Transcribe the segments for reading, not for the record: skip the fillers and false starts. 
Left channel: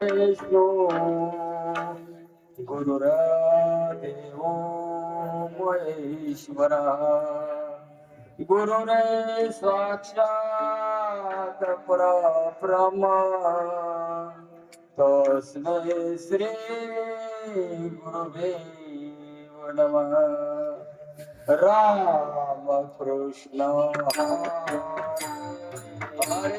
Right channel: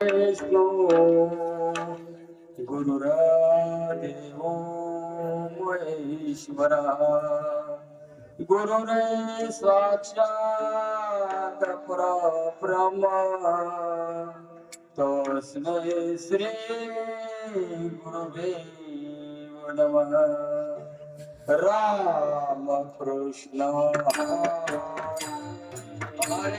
विष्णू गुरुर्देव महेश्वरा गुरुरे साक्षात परब्रह्म तस्मै श्री गुरुवे नमः राम कृष्ण हरे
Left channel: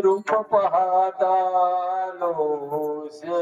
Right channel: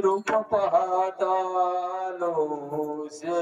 रूप पाहता लोसे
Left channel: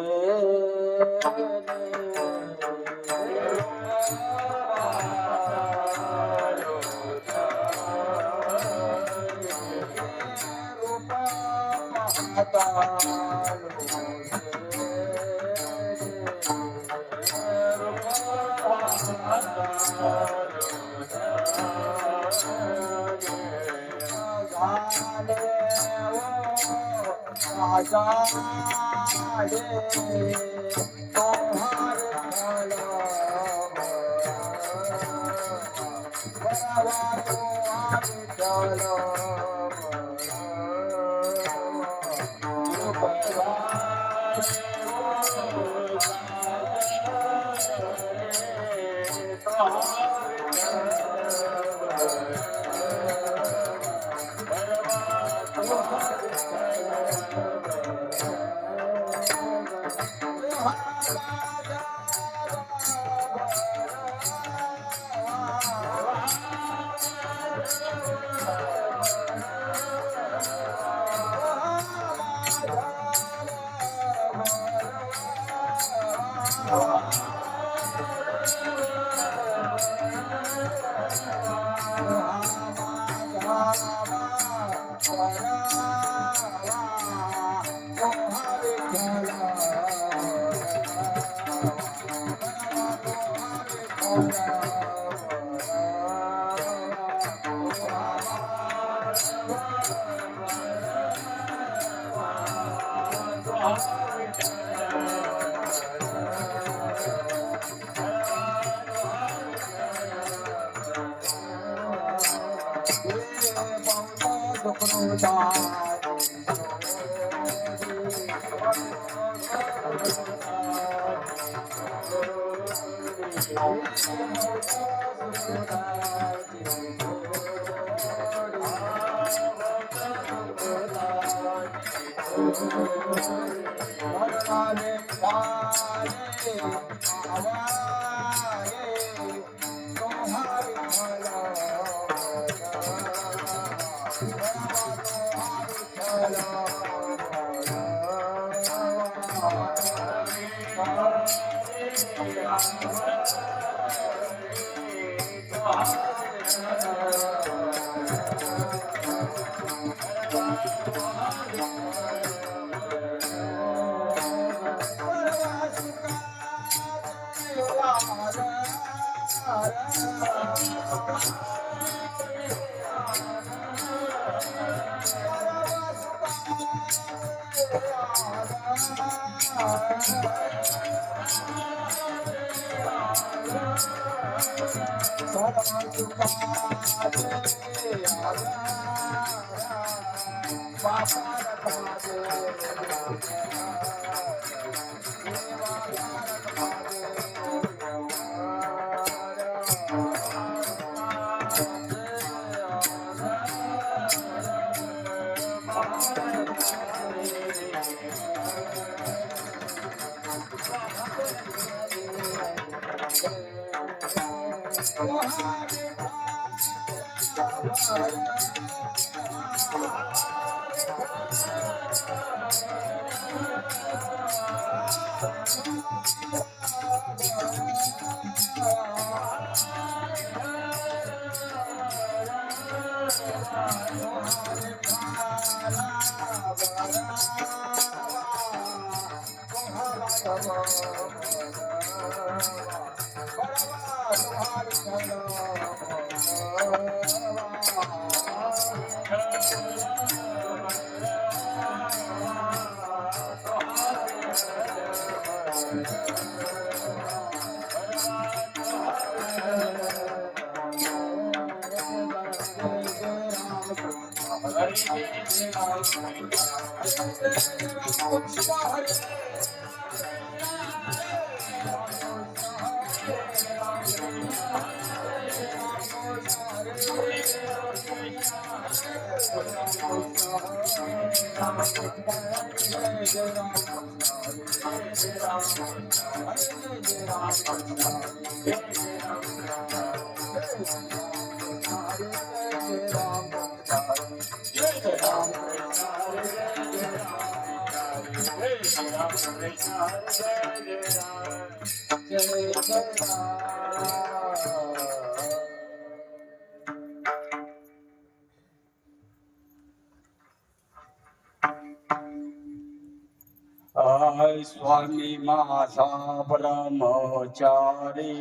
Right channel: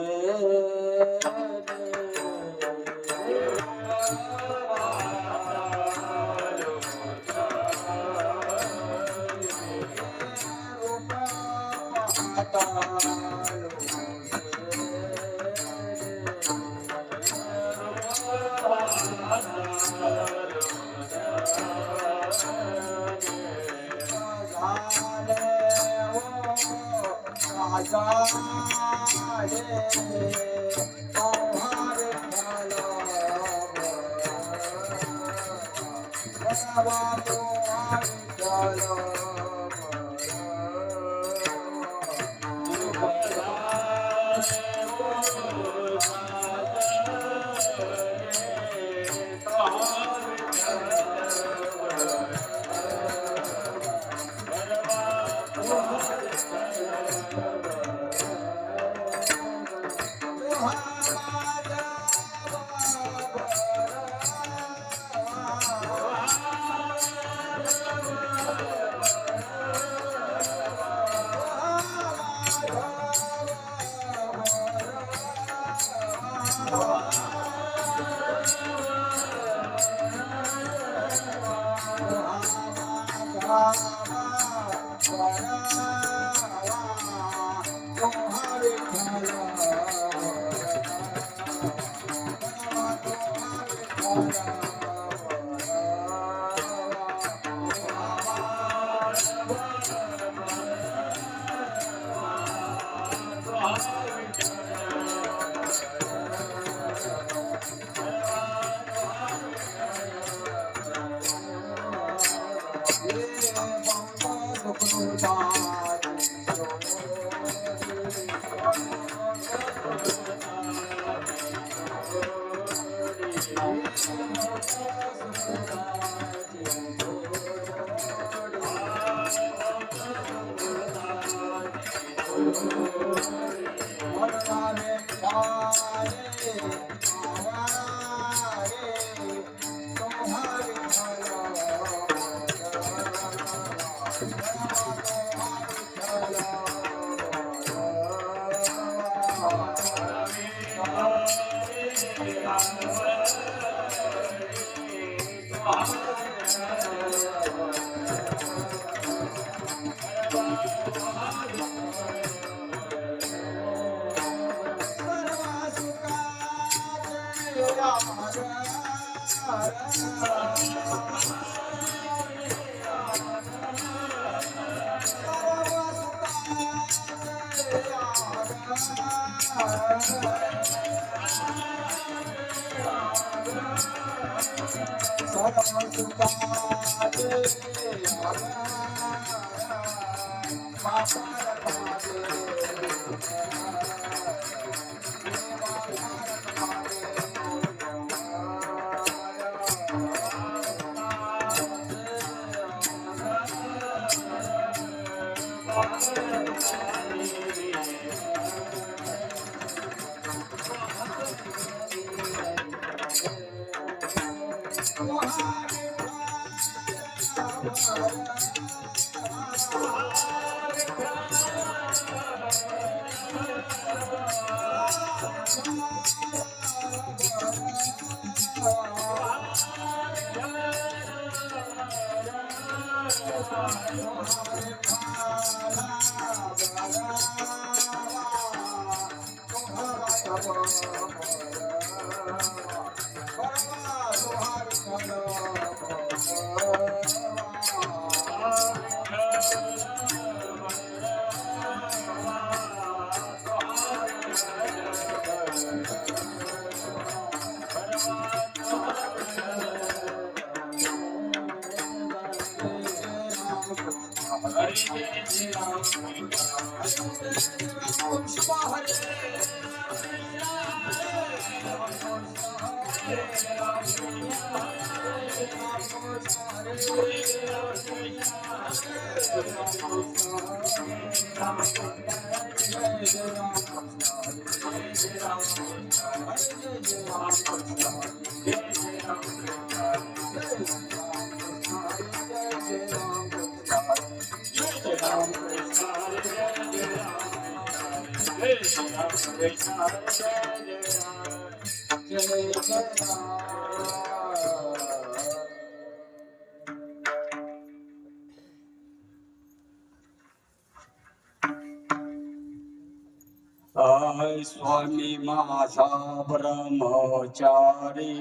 स्वामी माझा ब्रह्मचारी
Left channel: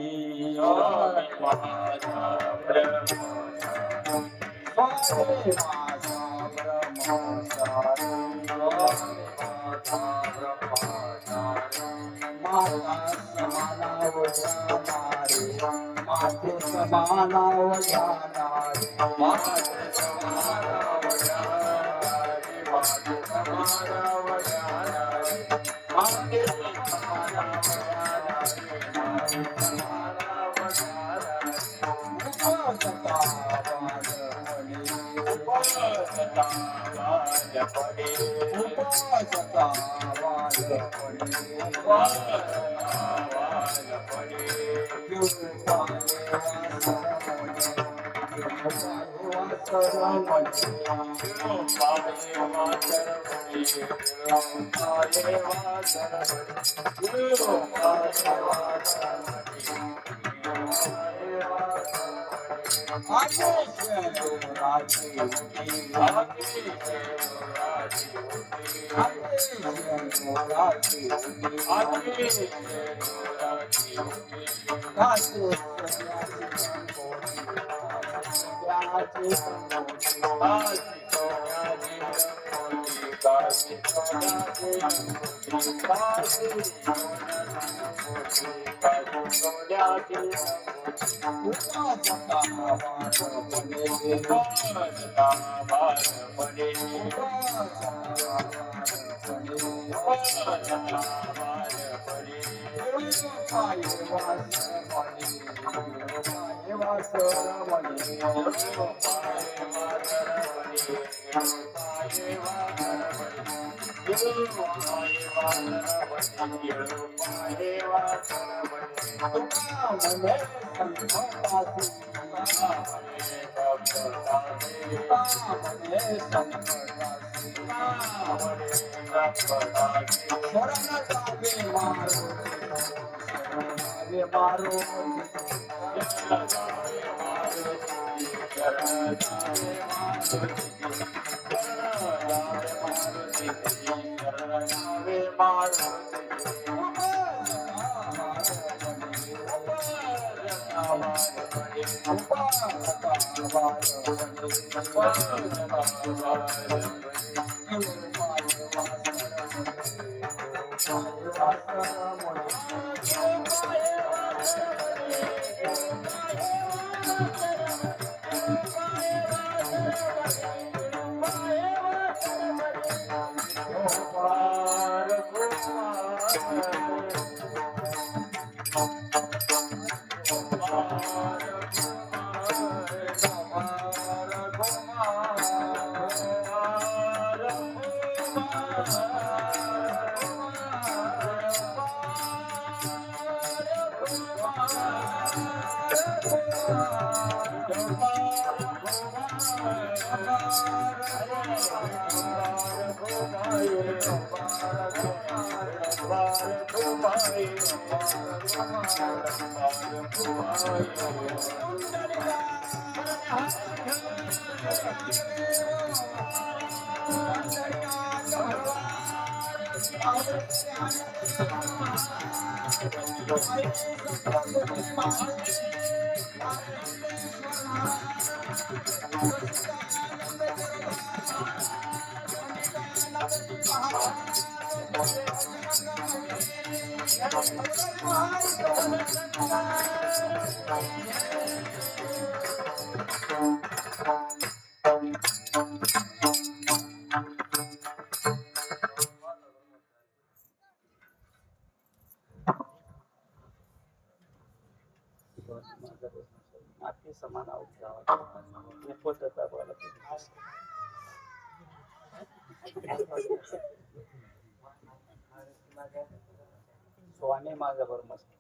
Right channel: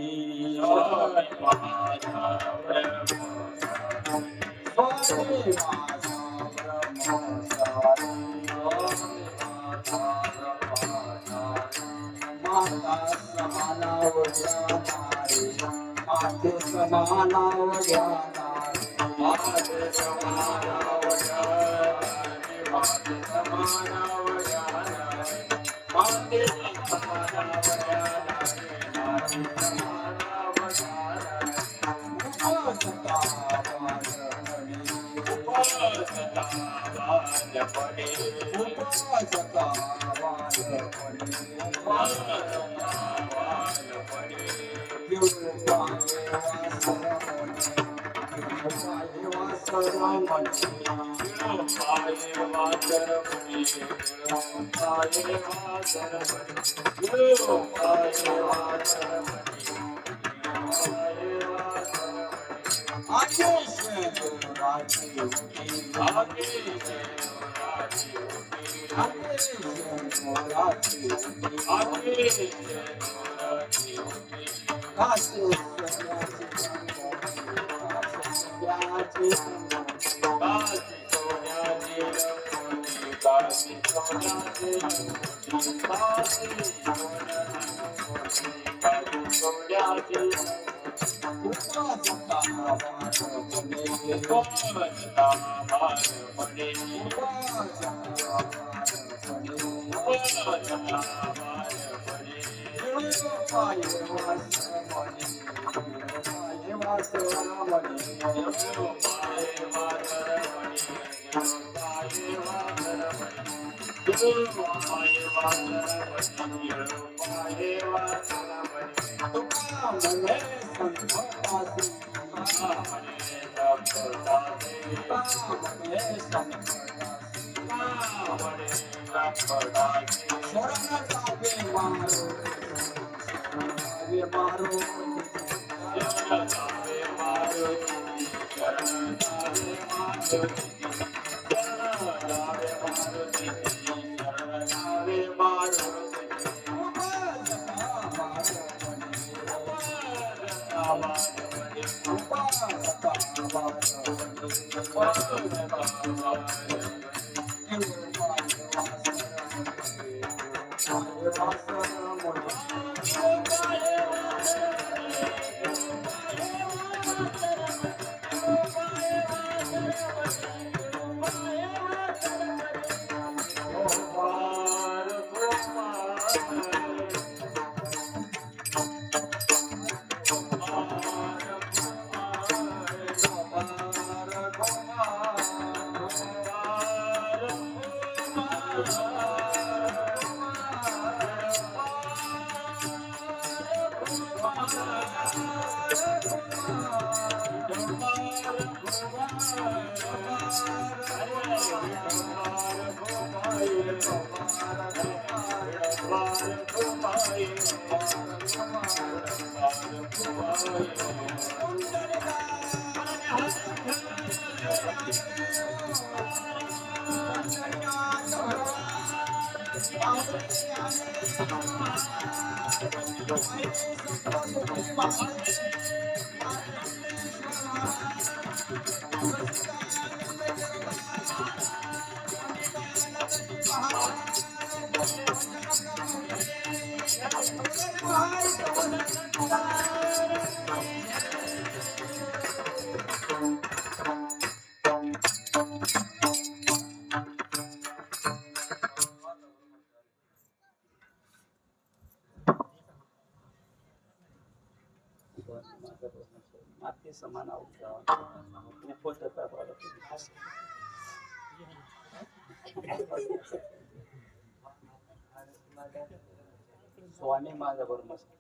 स्वामी माझा ब्रह्मचारी माता समानावया माते समानावया माते समानावया माते समानावया माते माती समान पोटाचा बळ स्वामी माझा बरं मस्त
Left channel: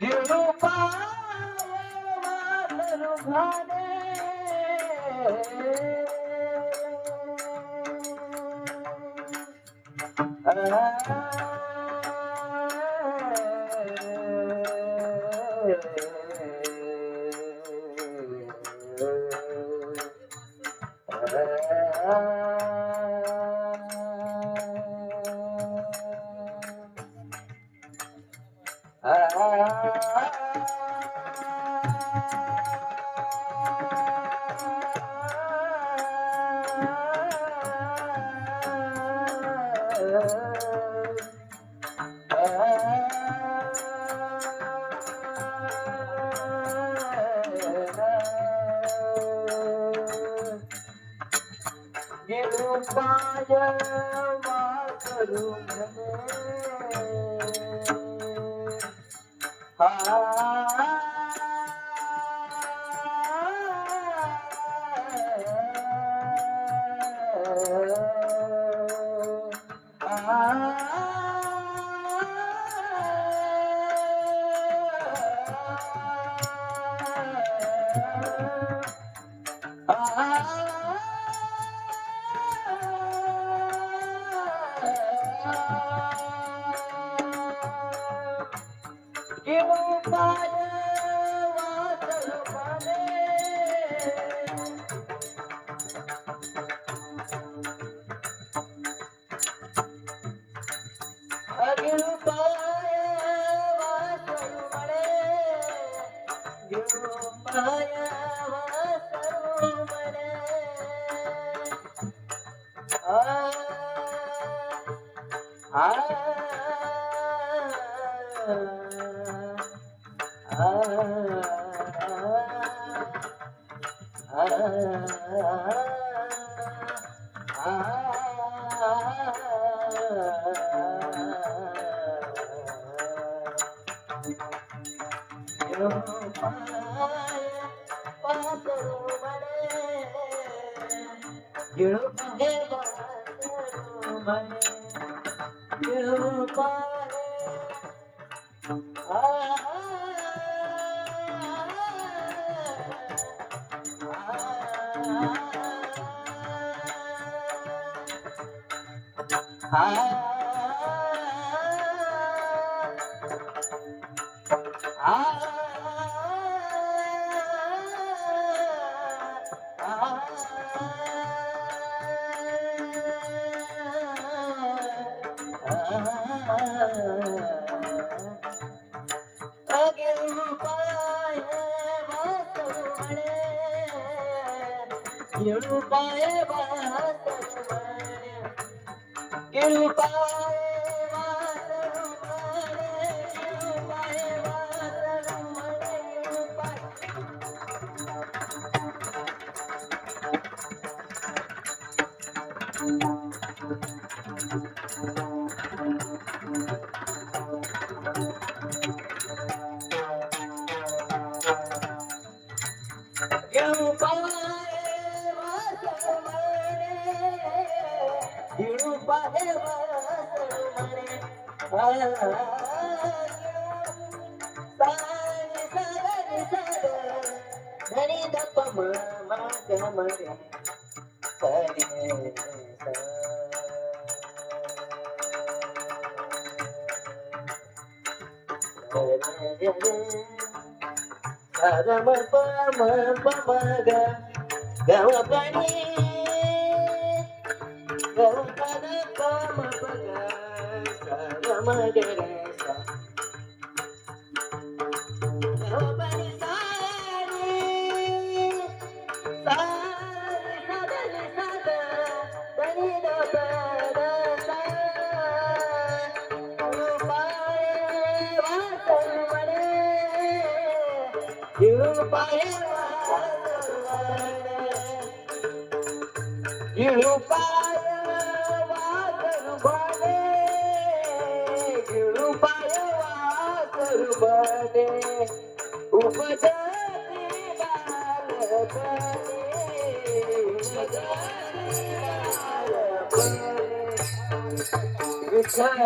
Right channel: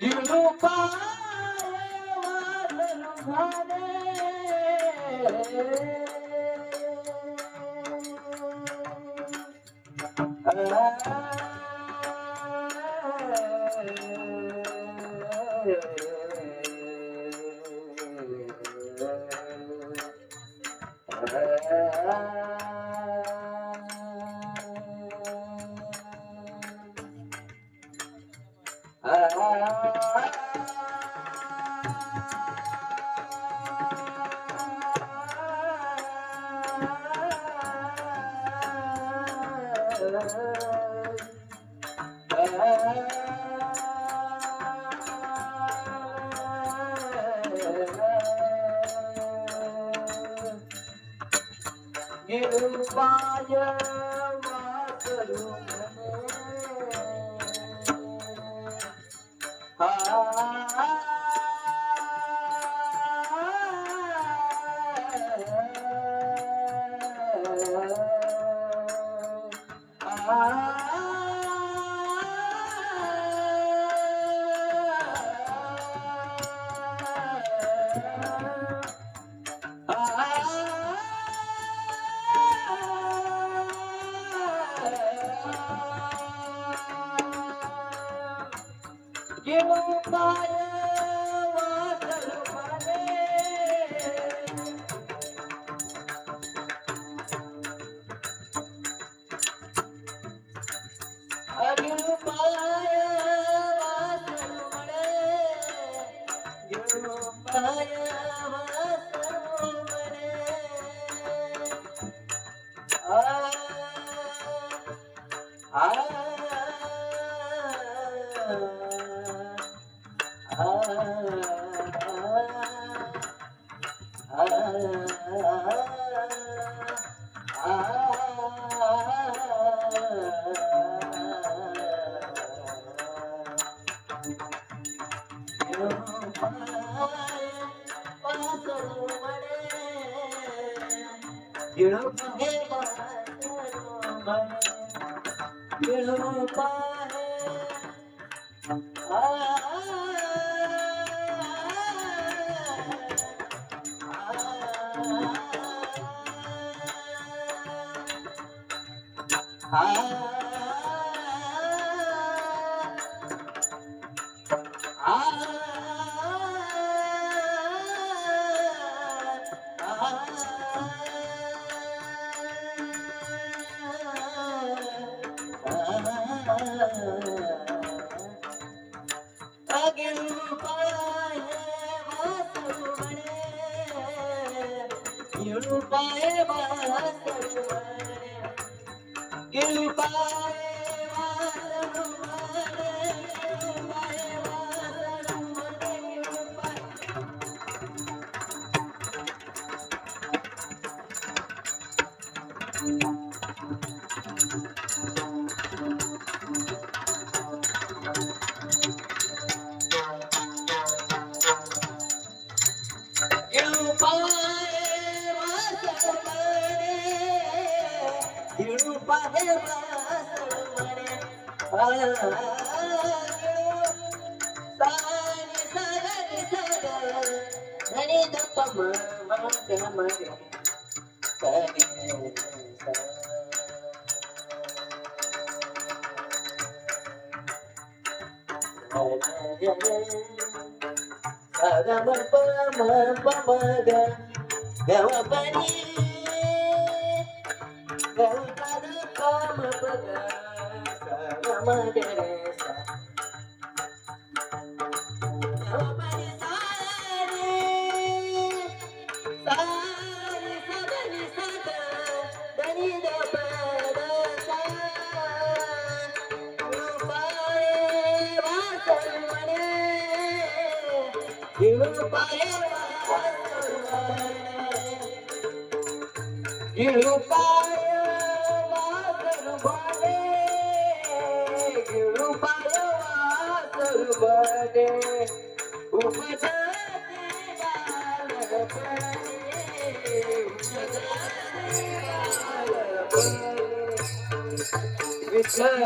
गिळू पाय वासरू भाने गिळू पाय वासरू म्हणे गिळू पाय वासरू म्हणे गिळू पाय वासरू म्हणे गिळू पाय वासरू म्हणे गिळू पाय वासरू म्हणे गिळू पाय गिळू पाय वासरू म्हणे गिळू पाय वासरू म्हणे गिळू पाय वासरू म्हणे गिळू पाय वासरू म्हणे गिळू पाय गिळू पाय वासरू म्हणे गिळू पाय वासरू म्हणे सानी सागरी सागर धनी दप मग म्हणे गम पम पम ग गम पनी काम पग गम ग रे सा गम पनी सारे सारे सदनी सद धनी दप सा गिळू पाय वासरू म्हणे गिळू पाय वासरू म्हणे गिळू पाय वासरू म्हणे उपजते बालपणी विठ्ठल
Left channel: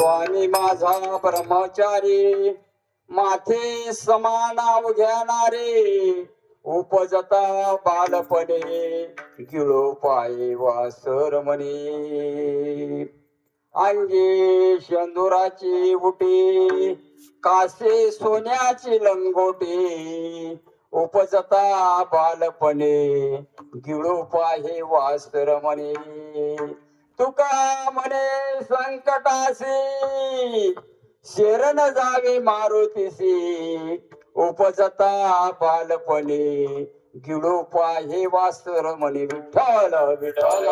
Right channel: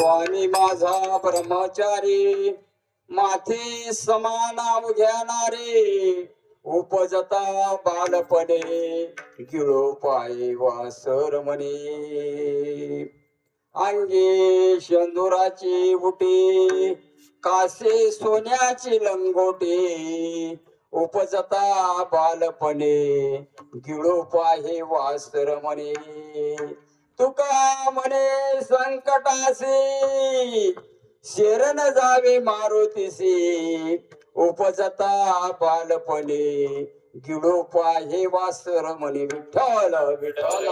स्वामी माझा ब्रह्मचारी माथे समान घेणारे उपजता बालपणे गिळो पाय वासर म्हणे अंगे शेंदुराची बुटी कासे सोन्याची लंगोटी उपजता बालपणे गिळो पाय वासर म्हणे तुका म्हणे संकटासी शरण जावे मारुतीसी उपजता बालपणे गिळो पाहे वासर म्हणे विठ्ठल विठ्ठल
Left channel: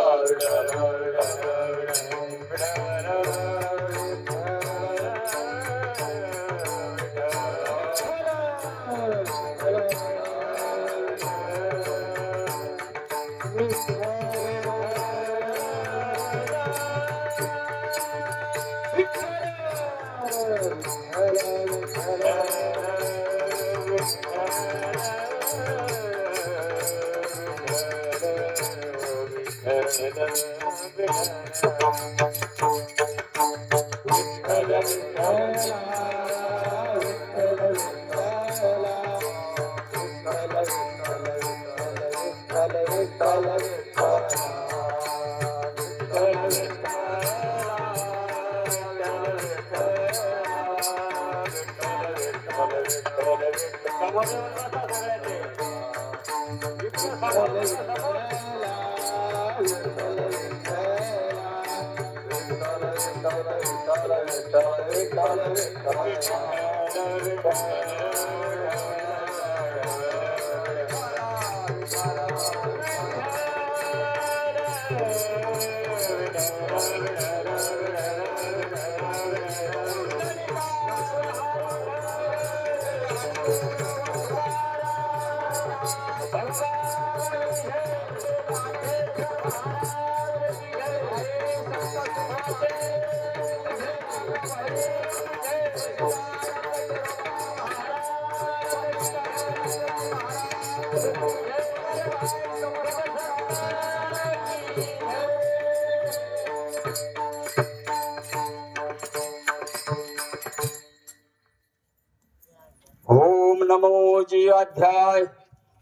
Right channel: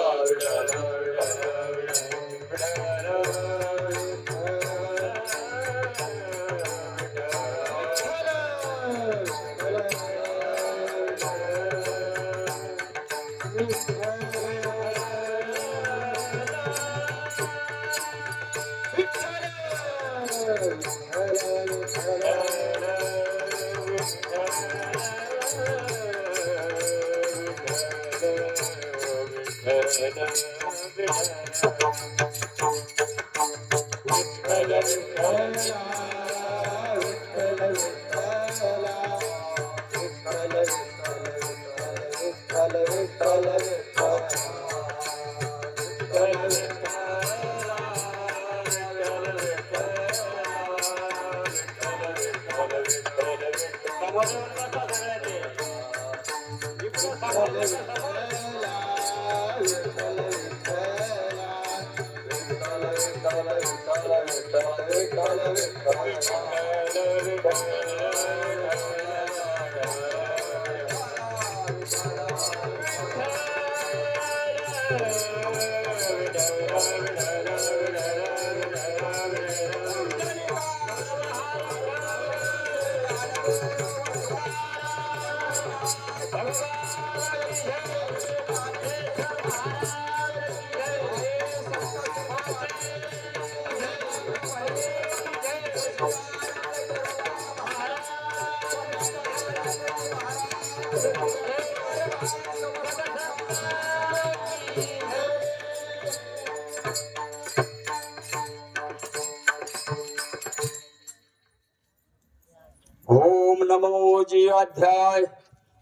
ओम नमो जी अध्याय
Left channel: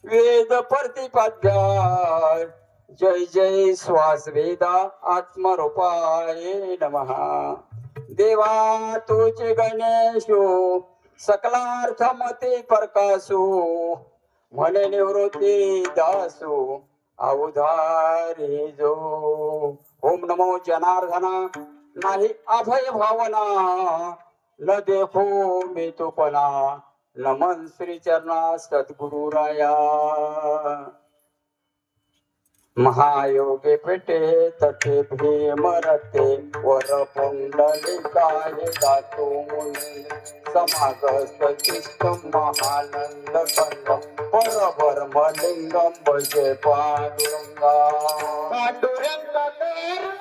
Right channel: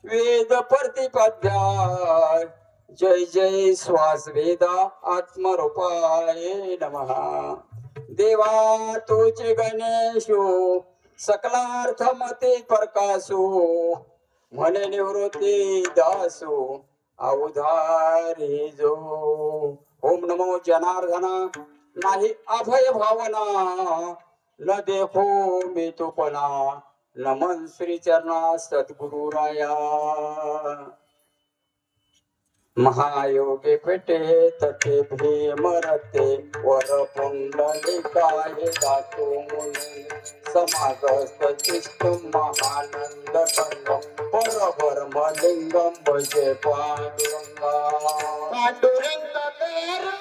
वेद प्रतिपाध्याय जय जय श्वास वेदा आत्मरूपाय नमः देवा तुझे गणेशो सकलार्थ मते प्रकाशो म्हणे निवृत्ती दासो अवधारी जो ओम नमो जनार्दना नाही अभय भावना न देखो मी तुपना नमन श्री चरणा सद्गुरु राया महायोगे पेटे तटे भीमरते वर पुंडलिकाय दातो मुनी समागस्त चित्तम महानंद कंद परब्रह्म लिंगम भजे पांडुरंगा पांडुरंग तेरा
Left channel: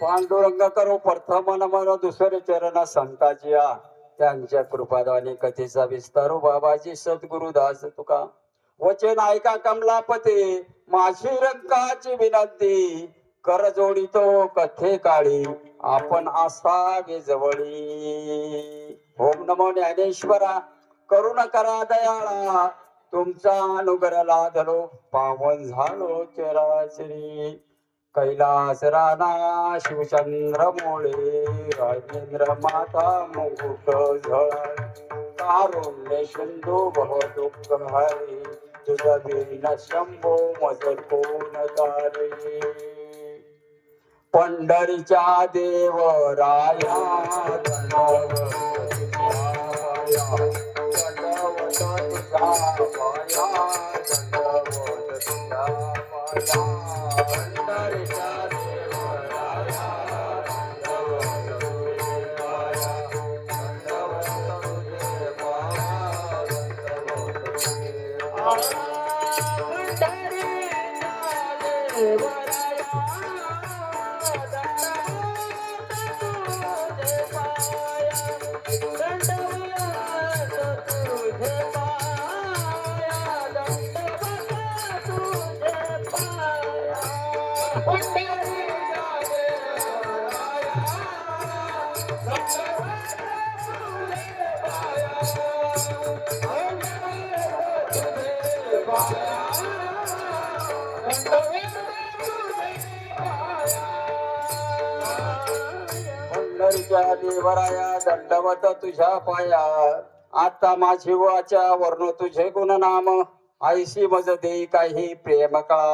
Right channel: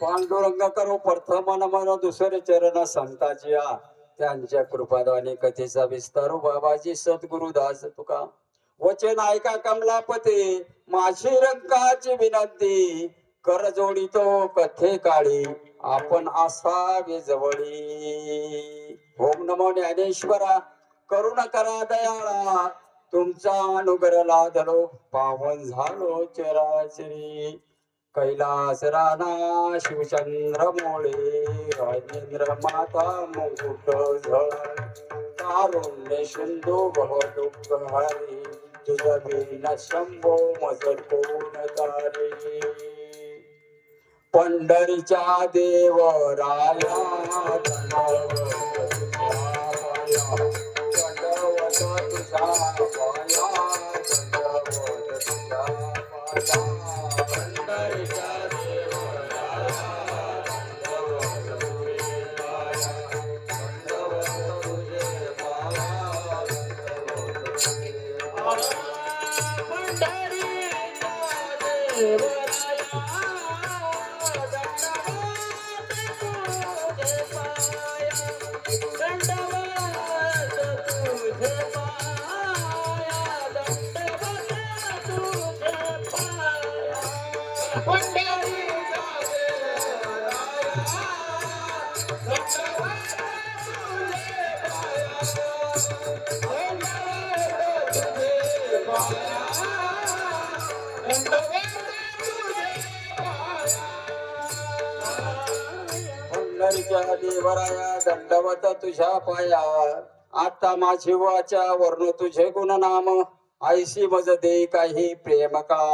पांडुरंग करो प्रथम नमन दुसरे चरण संताची आ त्यांच्या कृपादाने कथेचा विस्तारो बाबाजी सद्गुरुदास तुका वचन ऐका कमलापते माझी रंकाची विनंती कर जोडितो कथे काळी आपण असावे जवळी. ओम नमो ज्ञानेश्वरा करुण करा दयाळा तुमचा अनुग्रह लादलो पावन झालो चराचरी. कैलास राणा शिवचंद्र मोळे राजेंद्र माता मुकुट झळ कारुण्य सिंधू भव दुःख हरी तुझ बिन शंभो मज कोण तारे. पंढरीच्या देवराया दंडवत तुझ्या पाया दंडवत तुझ्या पाया दंडवत तुझ्या पाया. पंढरीच्या देवराया दंडवत तुझे पाया दंडवत तुझे पाया दंडवत तुझे पाया. पंढरीच्या देवराया दंडवत तुझ्या पाया आता माझी वाचा वर्ण तुझे गुणनाम ऐशी मज दे काही प्रेम का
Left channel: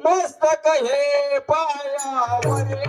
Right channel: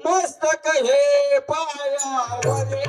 मस्तक हे पायावरे.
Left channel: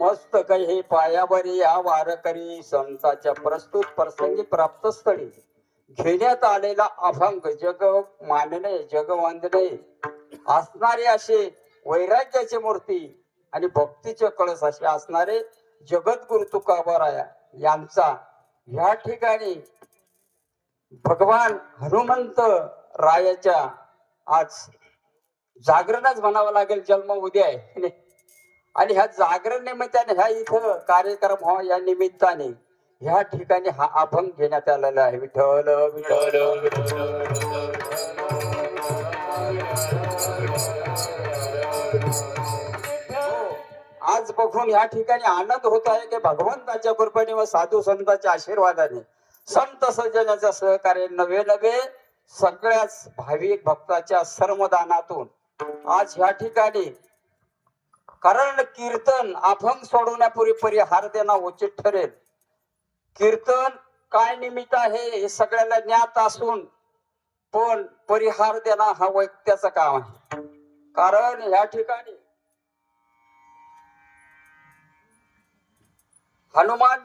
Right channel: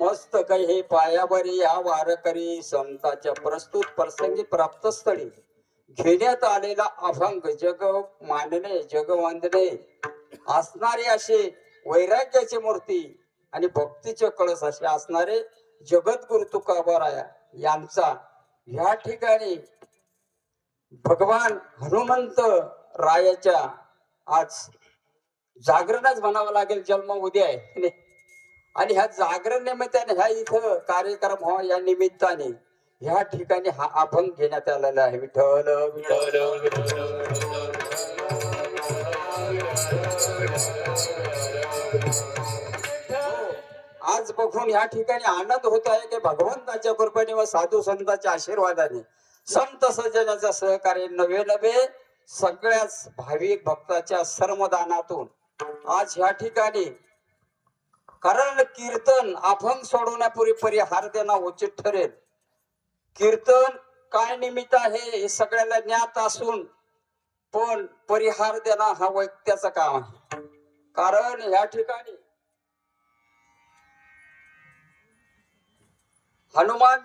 मस्त काही पायावरी या वारकरी संतांच्या प्रस्तुत प्रसंगी प्राप्त स्थळी घेण्यात आलेला अभंग जग मानणे जग वंदने असणारे असे वैराग्याची मूर्ती आणि भक्तीचे कळस असे असणारे जगद्गुरु तुकोबाराया यांचा या ठिकाणी भगवान हनुमंत रायाच्या आज जागरणच म्हणावं लागेल. जन्म उद्या आहे आणि ह्या जागरण निमित्ताने ह्या इथं कार्यक्रम व्हावा या निमित्ताने ह्या ठिकाणी हा अभंग घेण्यात आलेला आहे. विठ्ठल विठ्ठल आज बघून या ठिकाणी आनंद होत आहे की भगवंताच्या कृपेने व साधू संतांच्या आशीर्वादाने संत सज्जनाच्या सहकार्य नवे नवे सगळ्याच भाविक भक्ताच्या सर्वदानातून आज ह्या ठिकाणी कारण कीर्तन अभंग सोडवण्यापूर्वी परिहार देणं उचित ठरेल. कीर्तन काय निमित्त आहे हे सगळ्यांना ज्ञात असून पण परिहार देणं हा वैक्याचं काम आहे. कारण या ठिकाणी हनुमान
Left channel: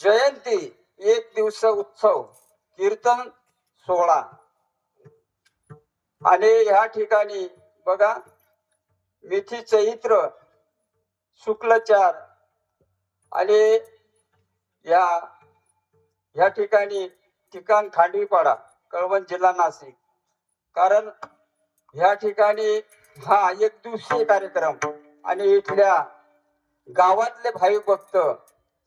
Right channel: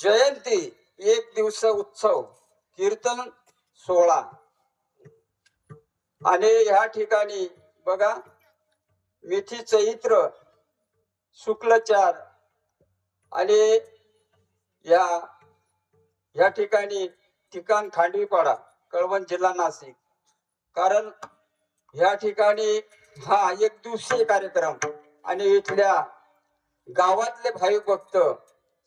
जयंती एक दिवस उत्सव कीर्तन सोहळा आणि या ठिकाणी बघा मिठी चैत्र शुक्ल 4 आणि या ठिकाणी ठिकाण खांडवीपाडा कळवण जिल्हा नाशिक. कारण या ठिकाणी हा एक दिवसीय कार्यक्रम आणि इथल्या गावातले भाविक भक्त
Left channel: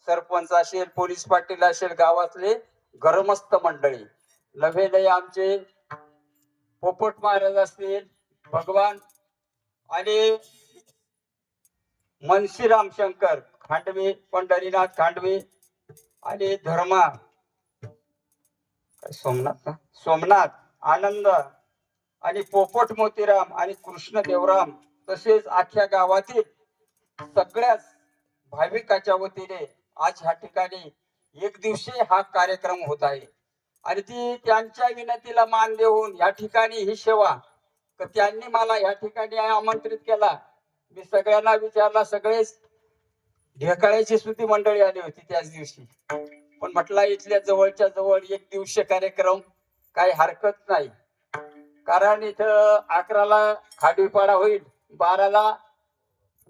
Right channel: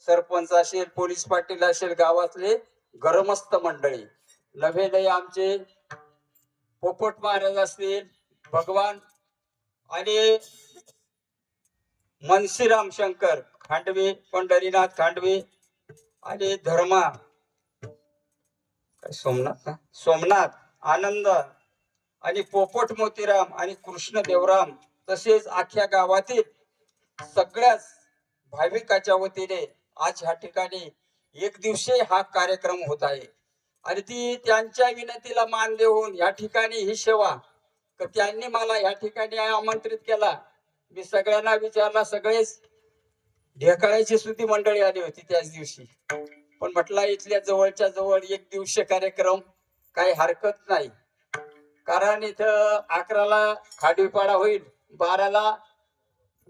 सरपंच असेल पोलीस पाटील असेल गावातले ग्रामस्थ मंडळी नव्हे आमचे पोपट महाराज असतील भगवान आणि मनसीराम शंकर खांडवे पंढरीनाथ खांडवे आणि धर्मा सोमनाथ आनंद आणि पोपट मोतीराम आणि कृष्ण देवराम तसेच अख्ख्या गावातील सगळ्याच भाविकाच्या वतीने आज ह्या ठिकाणी एक दिवशी हा कार्यक्रम होत आहे. आणि ती त्यांच्या विनंतीला मान देऊन या ठिकाणी ही सेवा त्यांनी मला या ठिकाणी आमंत्रित केला. मी सगळ्यांना विचारला, सगळेच ढेकळाची सुद्धी मंडळी आली होती त्याच दिवशी. पण म्हटलं इथल्या जवळच्या जवळ एक दिवसीय कार्यक्रम काही हरकत नाही. कारण इथं 11ला खाडीपाडा होईल, 12ला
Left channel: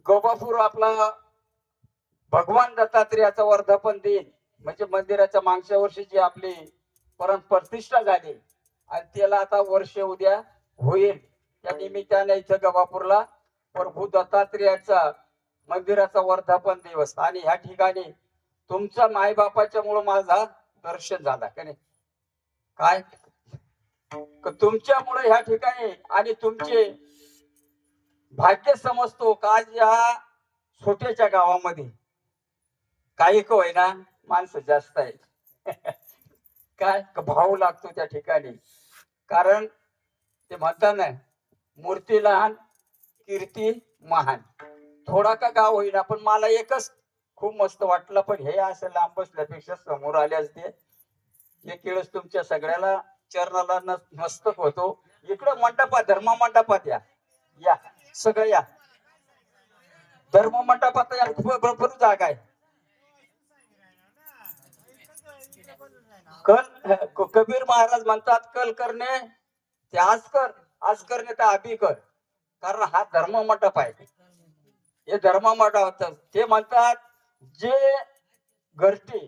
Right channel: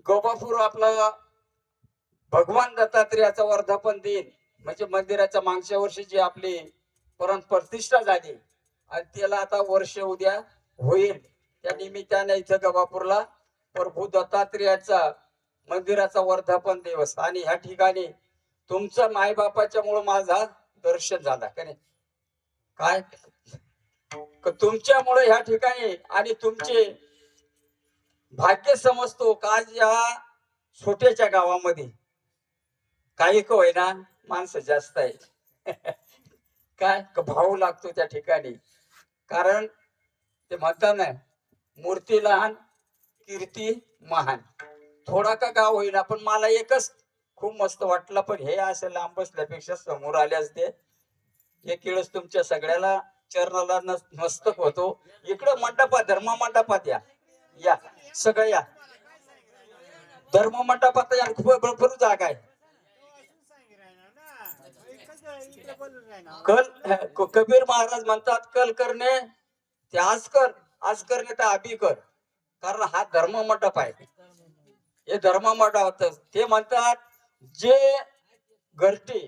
गोबापूर आपला भगवान दत्तात्रेयाचा वर्धापन दिन म्हणजे मंदिराच्या मागच्या वर्षी जी आपली प्रतिष्ठा झाली आणि त्याला आता वर्ष उद्या होईल. त्या निमित्ताने इथं गबापूरला प्रभू दत्तात्रेयाचा मंदिराचा वर्धापन दिवस आणि ह्या ठिकाणी तुमच्या मायबापाच्या मुळे माझा दर्शन झाला का नाही. काय तुमच्यामुळे ह्या ठिकाणी आणि तुमचे भाग्य समजतो का या छोट्याच्या गावामध्ये काही का होईना माणसं जास्त आहेत. काय भाव लागतो त्या ठिकाणी. कारण ते म्हणतात ना मूर्ती लहान कीर्ती महान. थोडा का गाव होईना पण मला एकच खूप मस्त वाटलं. पण हे असं लांब बसल्यापेक्षा समोर आले असते. एक वेळेस तुमच्या सगळ्याला चरणाला मस्तक होतो. इकडं मंडपात धर्म मंडपात या सगळे या धर्म मंडपात या भरपूर जागा आहे. कबीर महाराज म्हणतात कल करणे ते आज करणे ते अभी कर. कारण हा धर्म मंडप आहे. हे धर्म मंडप ते म्हणतात जे घरटी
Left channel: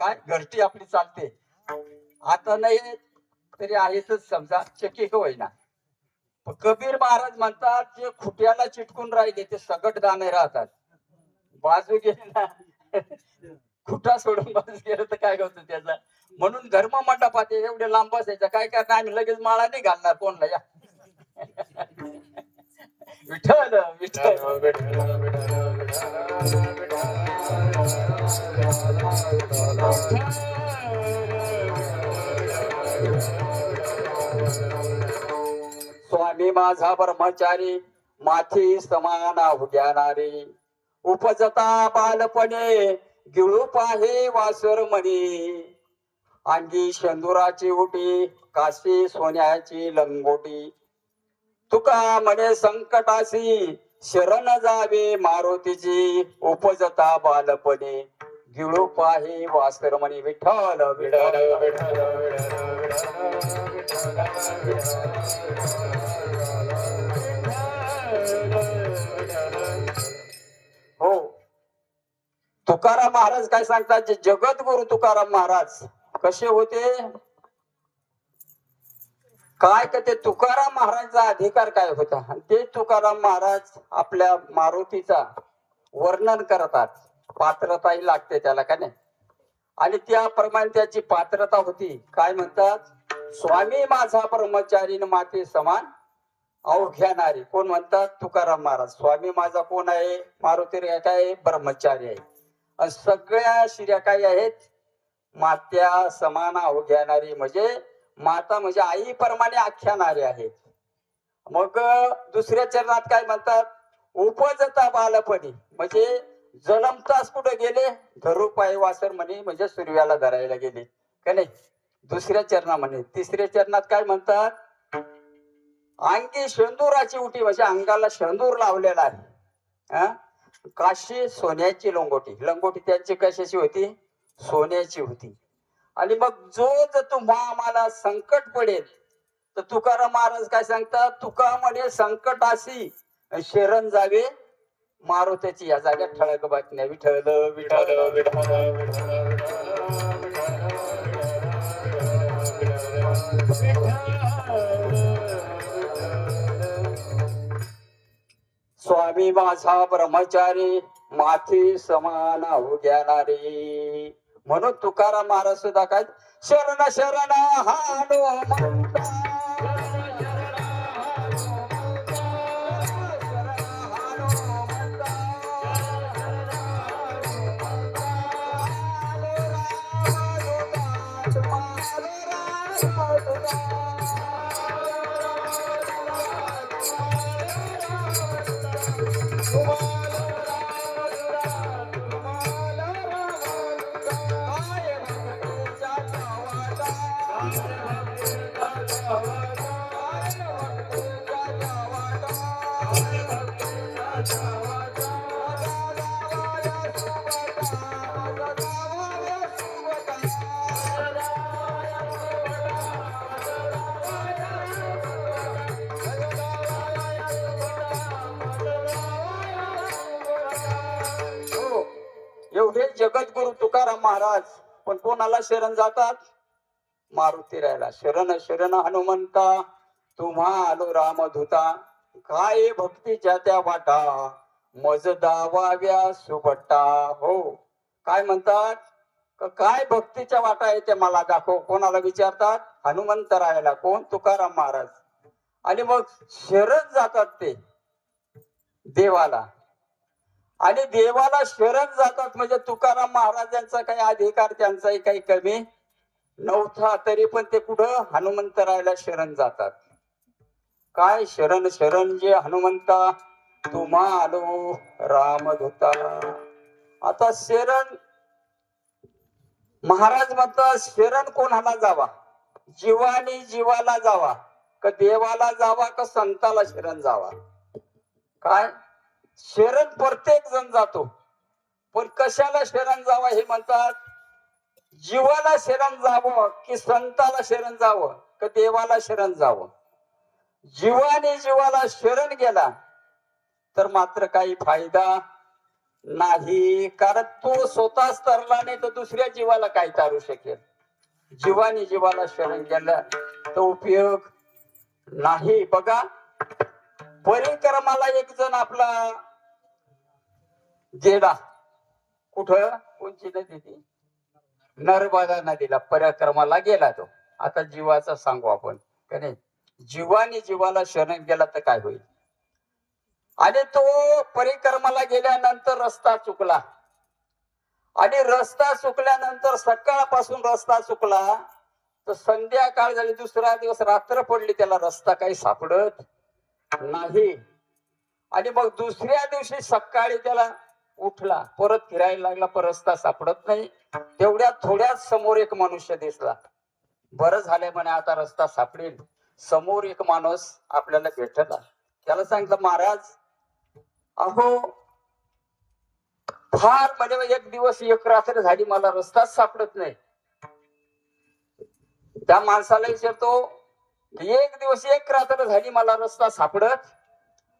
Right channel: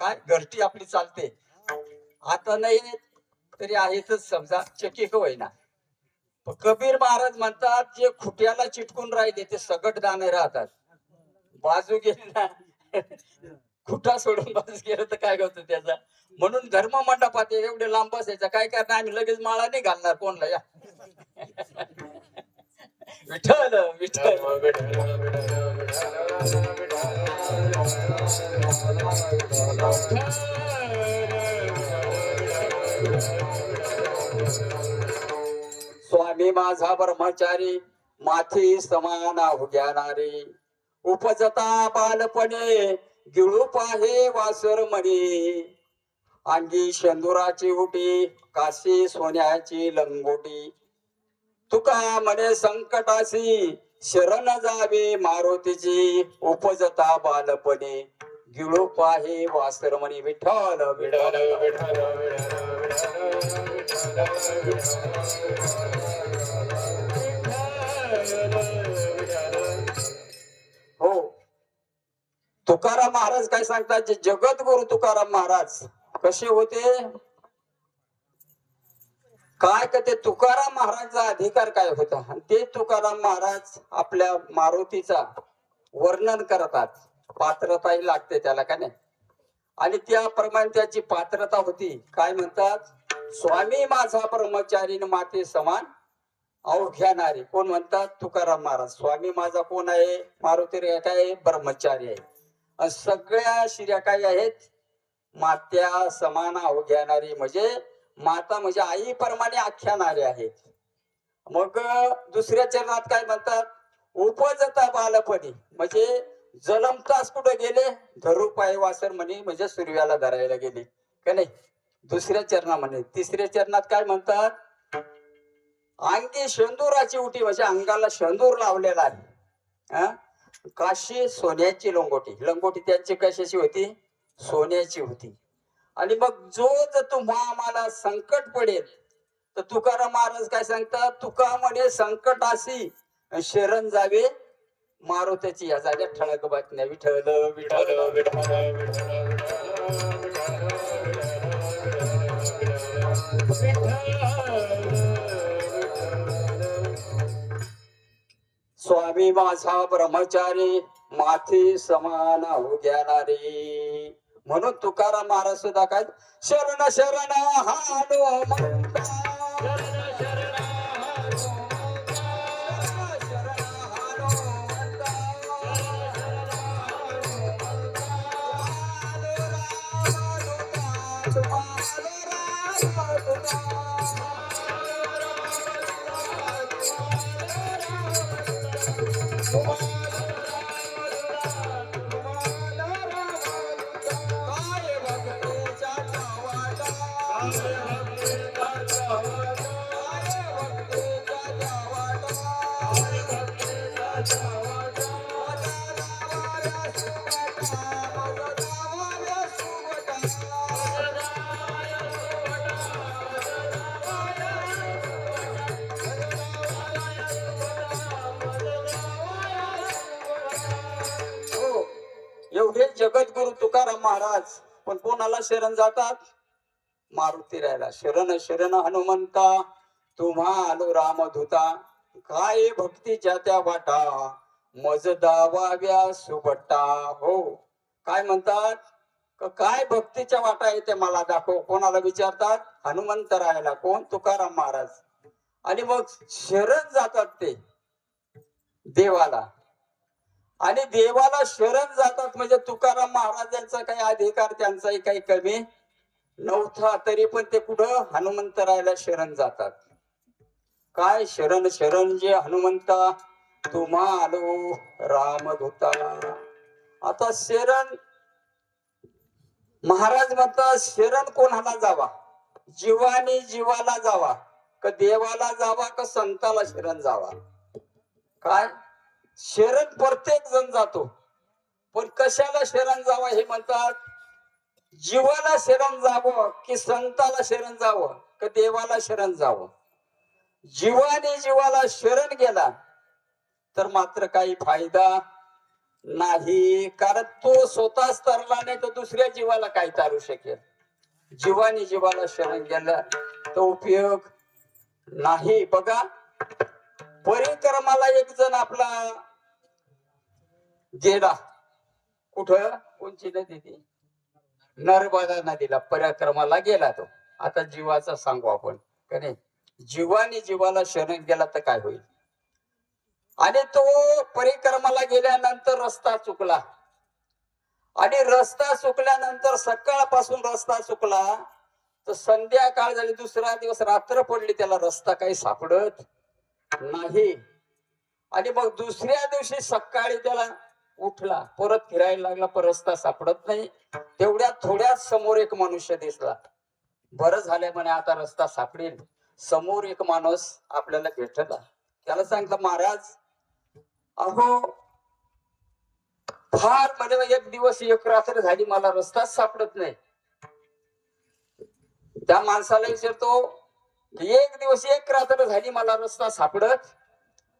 घरटी आपली चालते आता नाही तरी आहेतच समजा चकी होईना. कबीर महाराज म्हणतात जे खुट्याला चिटकून राहिले ते सगट दाणे राहतात. बाजू गेले ना खुटा सोडून बाजू गेलं तर काय होतं त्याचा. म्हणून धर्म मंडपात एवढे लांब बसायचं काय करणार. आम्ही लगेच माळा नाही घालणार कोणला. या विठ्ठल विठ्ठल स्वामी माझा ब्रह्मचारी माथी समान उद्यानारे उपजता बालपणे गिळू पाहे वासर म्हणे अंगी शेंदुराची उटी काशी सोन्याची लंगोटी तुका म्हणे संकटाशी शरण जावे मारुतीची उपजता बालपणे गिळू पाहे वासर म्हणे. विठ्ठल विठ्ठल हो. तुकाराम महाराज काय सांगतात. जे जगद्गुरु तुकाराम महाराज कसे होते काय का ते तुकाराम महाराजचा अधिकार काय होता. ते तुकाराम महाराज आपल्या मारुतीचा वर्णन करतात. पात्रताही लागते त्याला का नाही. आणि त्याप्रमाणे त्याची पात्रता होती. काय म्हणतात स्वामी माझा ब्रह्मचारी माते समान अवघ्यानारी. कोण म्हणतात तुकाराम महाराज. स्वामी माझा कोण आहे मारुती काय ब्रह्मचारी आहे. आणि सगळ्या शिर्या काय आहेत मात्या समान अवघ्यानारी म्हणजे माता म्हणजे आई प्रमाणे आख्यानारे आहेत. मग दुसऱ्या चरणात काय म्हणतात उपजता बालपणी म्हणजे जलमताच कुठे गेले धरू पाय वासर म्हणे म्हणजे सूर्याला धरायला गेले का नाही. दुसऱ्या चरणामध्ये. तिसऱ्या चरणात काय म्हणतात? अंगी शेंदुराची उटी, म्हणजे अंगाला शेंदूर लावलेला आहे. काशी सोन्याची लंगोटी. लंगोटी त्यांची कशाची होती? सोन्याची होती. आणि मग जो जर तुम्हा आम्हाला संकट पडेल तर तुकाराम महाराज काय सांगतात? तुका म्हणे संकटाशी शरण जावे मारुतीची. या जाग्यात ठळक बातम्या. विठ्ठल विठ्ठल विठ्ठल स्वामी माझा ब्रह्मचारी माथी समान उग्यानारी. म्हणून तुकाराम महाराज सुद्धा काय? शरण शरण हनुमंता, एवढे जगद्गुरु तुकाराम महाराज पण कोणाला शरण जातात? मारुती राहिला. शरण शरण हनुमंता, तुम्हा आलो रामदूता. काय भक्तीच्या त्या वाटा, मज दावाव्या सुबट्टा. हो, काय म्हणतात? काय भक्तीच्या वाटा आहे ते मला दाखव. कोणाला विचारतात? हनुमंत राहिला. कोण? तुकाराम महाराज. आणि मग शरण जातात ते देवाला. आणि देवाला शरण जातात म्हणजे तुकाराम महाराजांचा काही अधिकार त्यांचाही काही कमी नव्हता. तरी पण ते कुठं? हनुमंतरायला शरण जातात. काय? शरण शरण जे हनुमंता, तुम्हा आलो रामदूता. आता शरण महाराज म्हणतात शरण कोणाला जावा? जीवानी जीवाला जावा का देवाला जावा का संताला शरण जावा? काय? शरण प्रत्येक जण जातो, पण कशाला शरण जावं हे म्हणतात? जीवाला शरण जावं की संताला शरण जावं का देवाला शरण जावं? जीवाने जीवाला शरण गेला तर मात्र काही फायदा नाही, कारण तो स्वतःच तरला नाही तर दुसऱ्या जीवाला काय तारू शकेल. जीवाने जीवाला शरण गेला तर उपयोग नाही. बघा, परिक्रमाला एक जण आपला गेला. कुठं? कोणची नदी ती? नर्मदा नदीला परिक्रमाला गेला तो. आता जीवाचा सांगू आपण का नाही? जीवाने जीवाला शरण गेला तर काय होईल? आणि तो परिक्रमाला गेल्यानंतर रस्ता चुकला. आणि रस्ता चुकल्यानंतर सकाळपासून रस्ता चुकला तर संध्याकाळ झाली, दुसरा दिवस रात्र पडली, त्याला रस्ता काही सापडत नाही. आणि मग दुसऱ्या दिवशी सकाळी त्याला उठला, परत फिरायला लागला, पण रस्ता सापडत नाही. तेवढ्या थोड्यात समोर एक मनुष्य दिसला. बरं झालंय म्हणे, आता रस्ता सापडेल. समोर एक माणूस आपल्याला भेटला. त्याला सांगितलं, महाराज अहो फार म्हणजे एक दिवस एक रात्र झाली, मला रस्ताच सापडत नाही. त्या माणसाला विचारतो, एक दिवस एक रात्र झाली मला रस्ता सापडत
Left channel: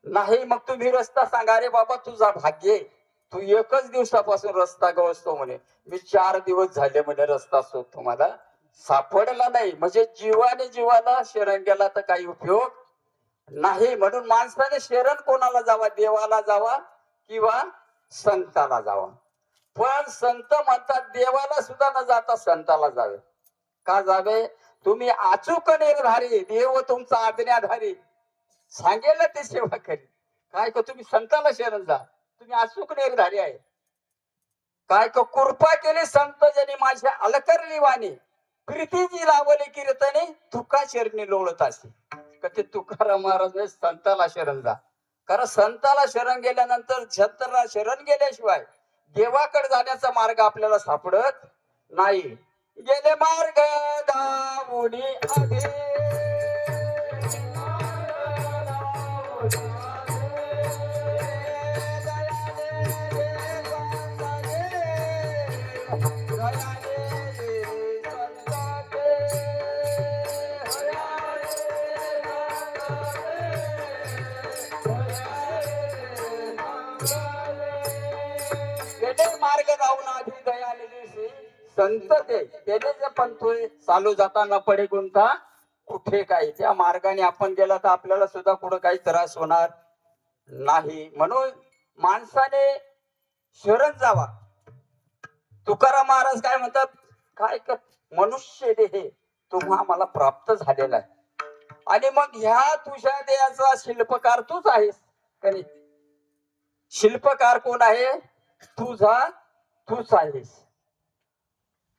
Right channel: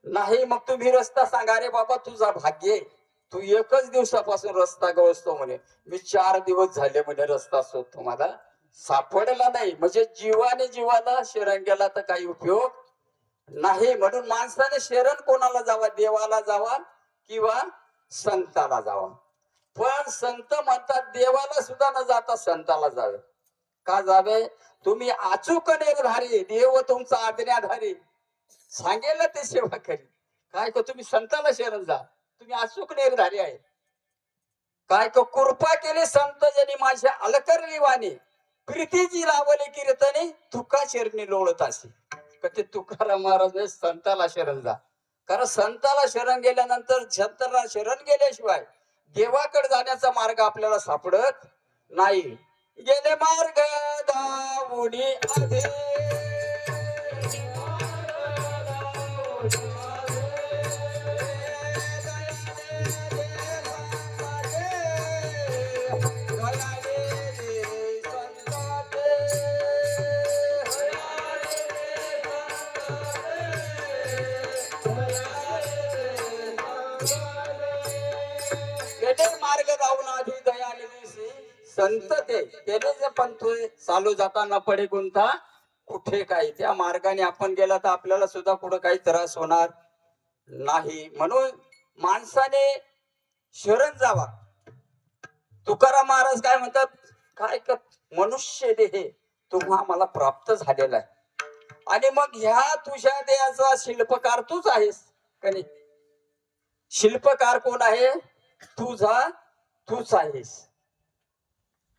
नाही, मग तुम्ही रस्ता सांगा. अरे बाबा तुझा भाग्य, तू एकच दिवसापासून रस्ता गवसतो म्हणे. मी 4 दिवस झाले म्हणे रस्ता शोधतो, मला सापडला नाही. म्हणजे जीवाने जीवाला शरण गेला तर काही उपयोग नाही. म्हणून माणसाने शरण कोणाला जावा? देवाला जावा किंवा संताला जावा. पण संत म्हणतात देवाला सुद्धा न जाता संताला जावे. का जावे? तुम्ही अचूक निर्धारी, देव तुमचा आज्ञाधारी, सांगेल ते सेवा करी. काय का तुम्ही संताला शरण जा, तुम्ही अचूक निर्धारी आहे. काय का कृपा केली संत जनी माझ्या अलकरली वाणी, प्रीतीची लावली कीर्तने तुका चरणी लोळत असे. का ते तुकाराम महाराज संताला शरण जा. कारण संताला शरण गेल्यानंतर, संताला शरण गेल्याशिवाय देवाकडे जाण्याचा मार्ग आपल्याला सापडत नाही. गेले मार्ग दावुनी आधे गेले मार्ग जाऊन आधी दयाने दिसी संत ते गेले जे पण तू चालू जाताना पडे गुंता कुठे काय त्या मार्गाने आपण गेला तर आपल्याला सुद्धा कुठं काही त्रास होणार नाही. म्हणून माणसाने शरण जावा. तुकाराम महाराज काय म्हणतात, काय कर मनुष्य देह तुम्हा मला प्राप्त झालेला आहे. आणि मग ह्या तुझ्या देहाचा शिल्पकार तूच आहेस का नाही? शिल्पकार कोण आहे? तूच आहेस.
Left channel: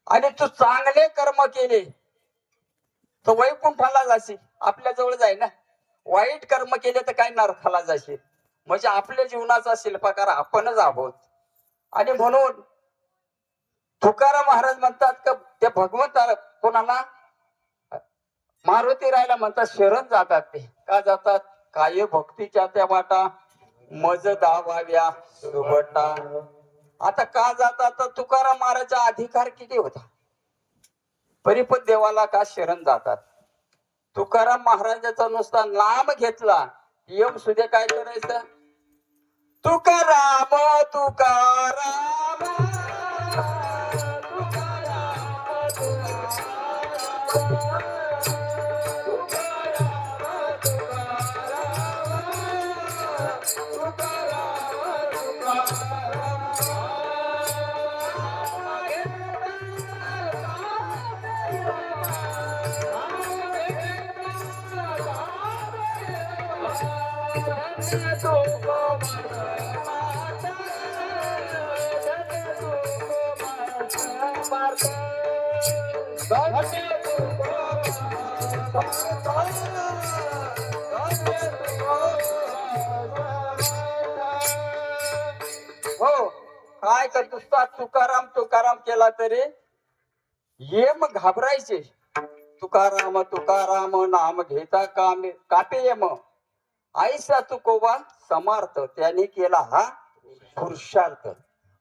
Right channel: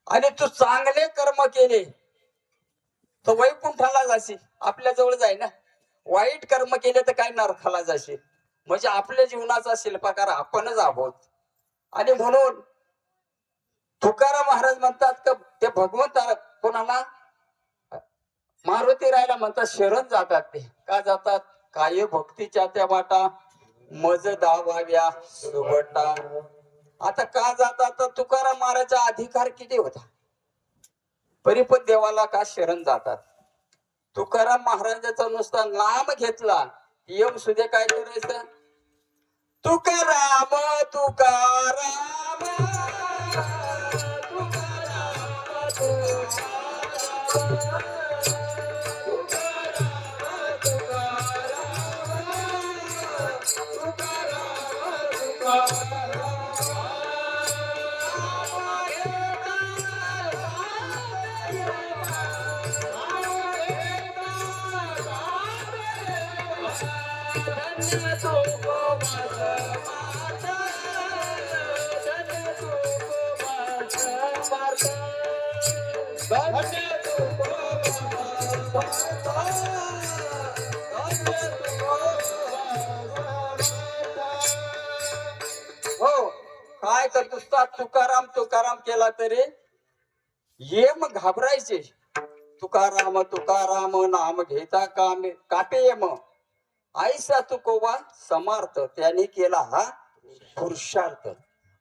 आणि तू चांगले कर्म केले तर वैकुंठाला जाशील, आपल्या जवळ जाय ना. वाईट कर्म केले तर काय नरकाला जाशील. म्हणजे आपल्या जीवनाचा शिल्पकार आपणच आहोत. आणि म्हणून तुकाराम महाराज म्हणतात का त्या भगवंताला कोणाला मारुती राहायला म्हणतात शरण जातात. ते का जातात? काय भक्तीच्या त्या वाटा मज दावाव्या सुबटा. आता का जातात? तर तुकाराम महाराजचा अधिकार किती होता, परिपत देवाला का शरण जातात? तुकाराम महाराजाचा नुसता नाम घेतला यम सुद्धा काय करायचं? तुकाराम तुकाराम हो काय कर नुसता तुकाराम तुकाराम केला तरी येम घाबरायचे. तुकाराम तुकाराम नाम घेता कामे कापे येम आईसा तुकोबा समार्थ. त्यांनी केला हा पुरुषार्थ.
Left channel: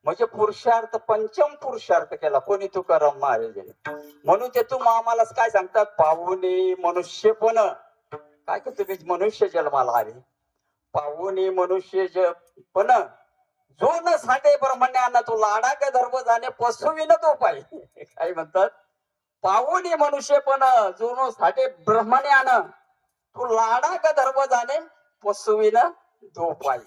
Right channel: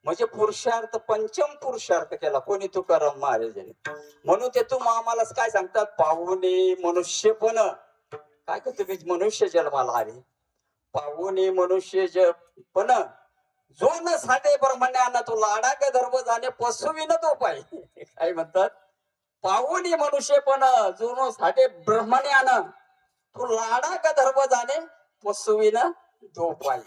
म्हणजे पुरुषार्थ पंचम पुरुषार्थ केला कोणी? तुकाराम महाराजांनी. म्हणून ते आम्हाला काय सांगतात? पाहुणे मनुष्य पण काय का तुम्ही मनुष्य जन्माला आले. पाहुणे मनुष्य पण जो न साठे ब्रह्मण्यानं तो लाडा का धर्म जाणे पशुविन तो पाय. काय म्हणतात? पाहुणे मनुष्य पण जो न साठे ब्रह्मण्यानं तो लाडा का धर्म जाणे पशुविन तो पाय.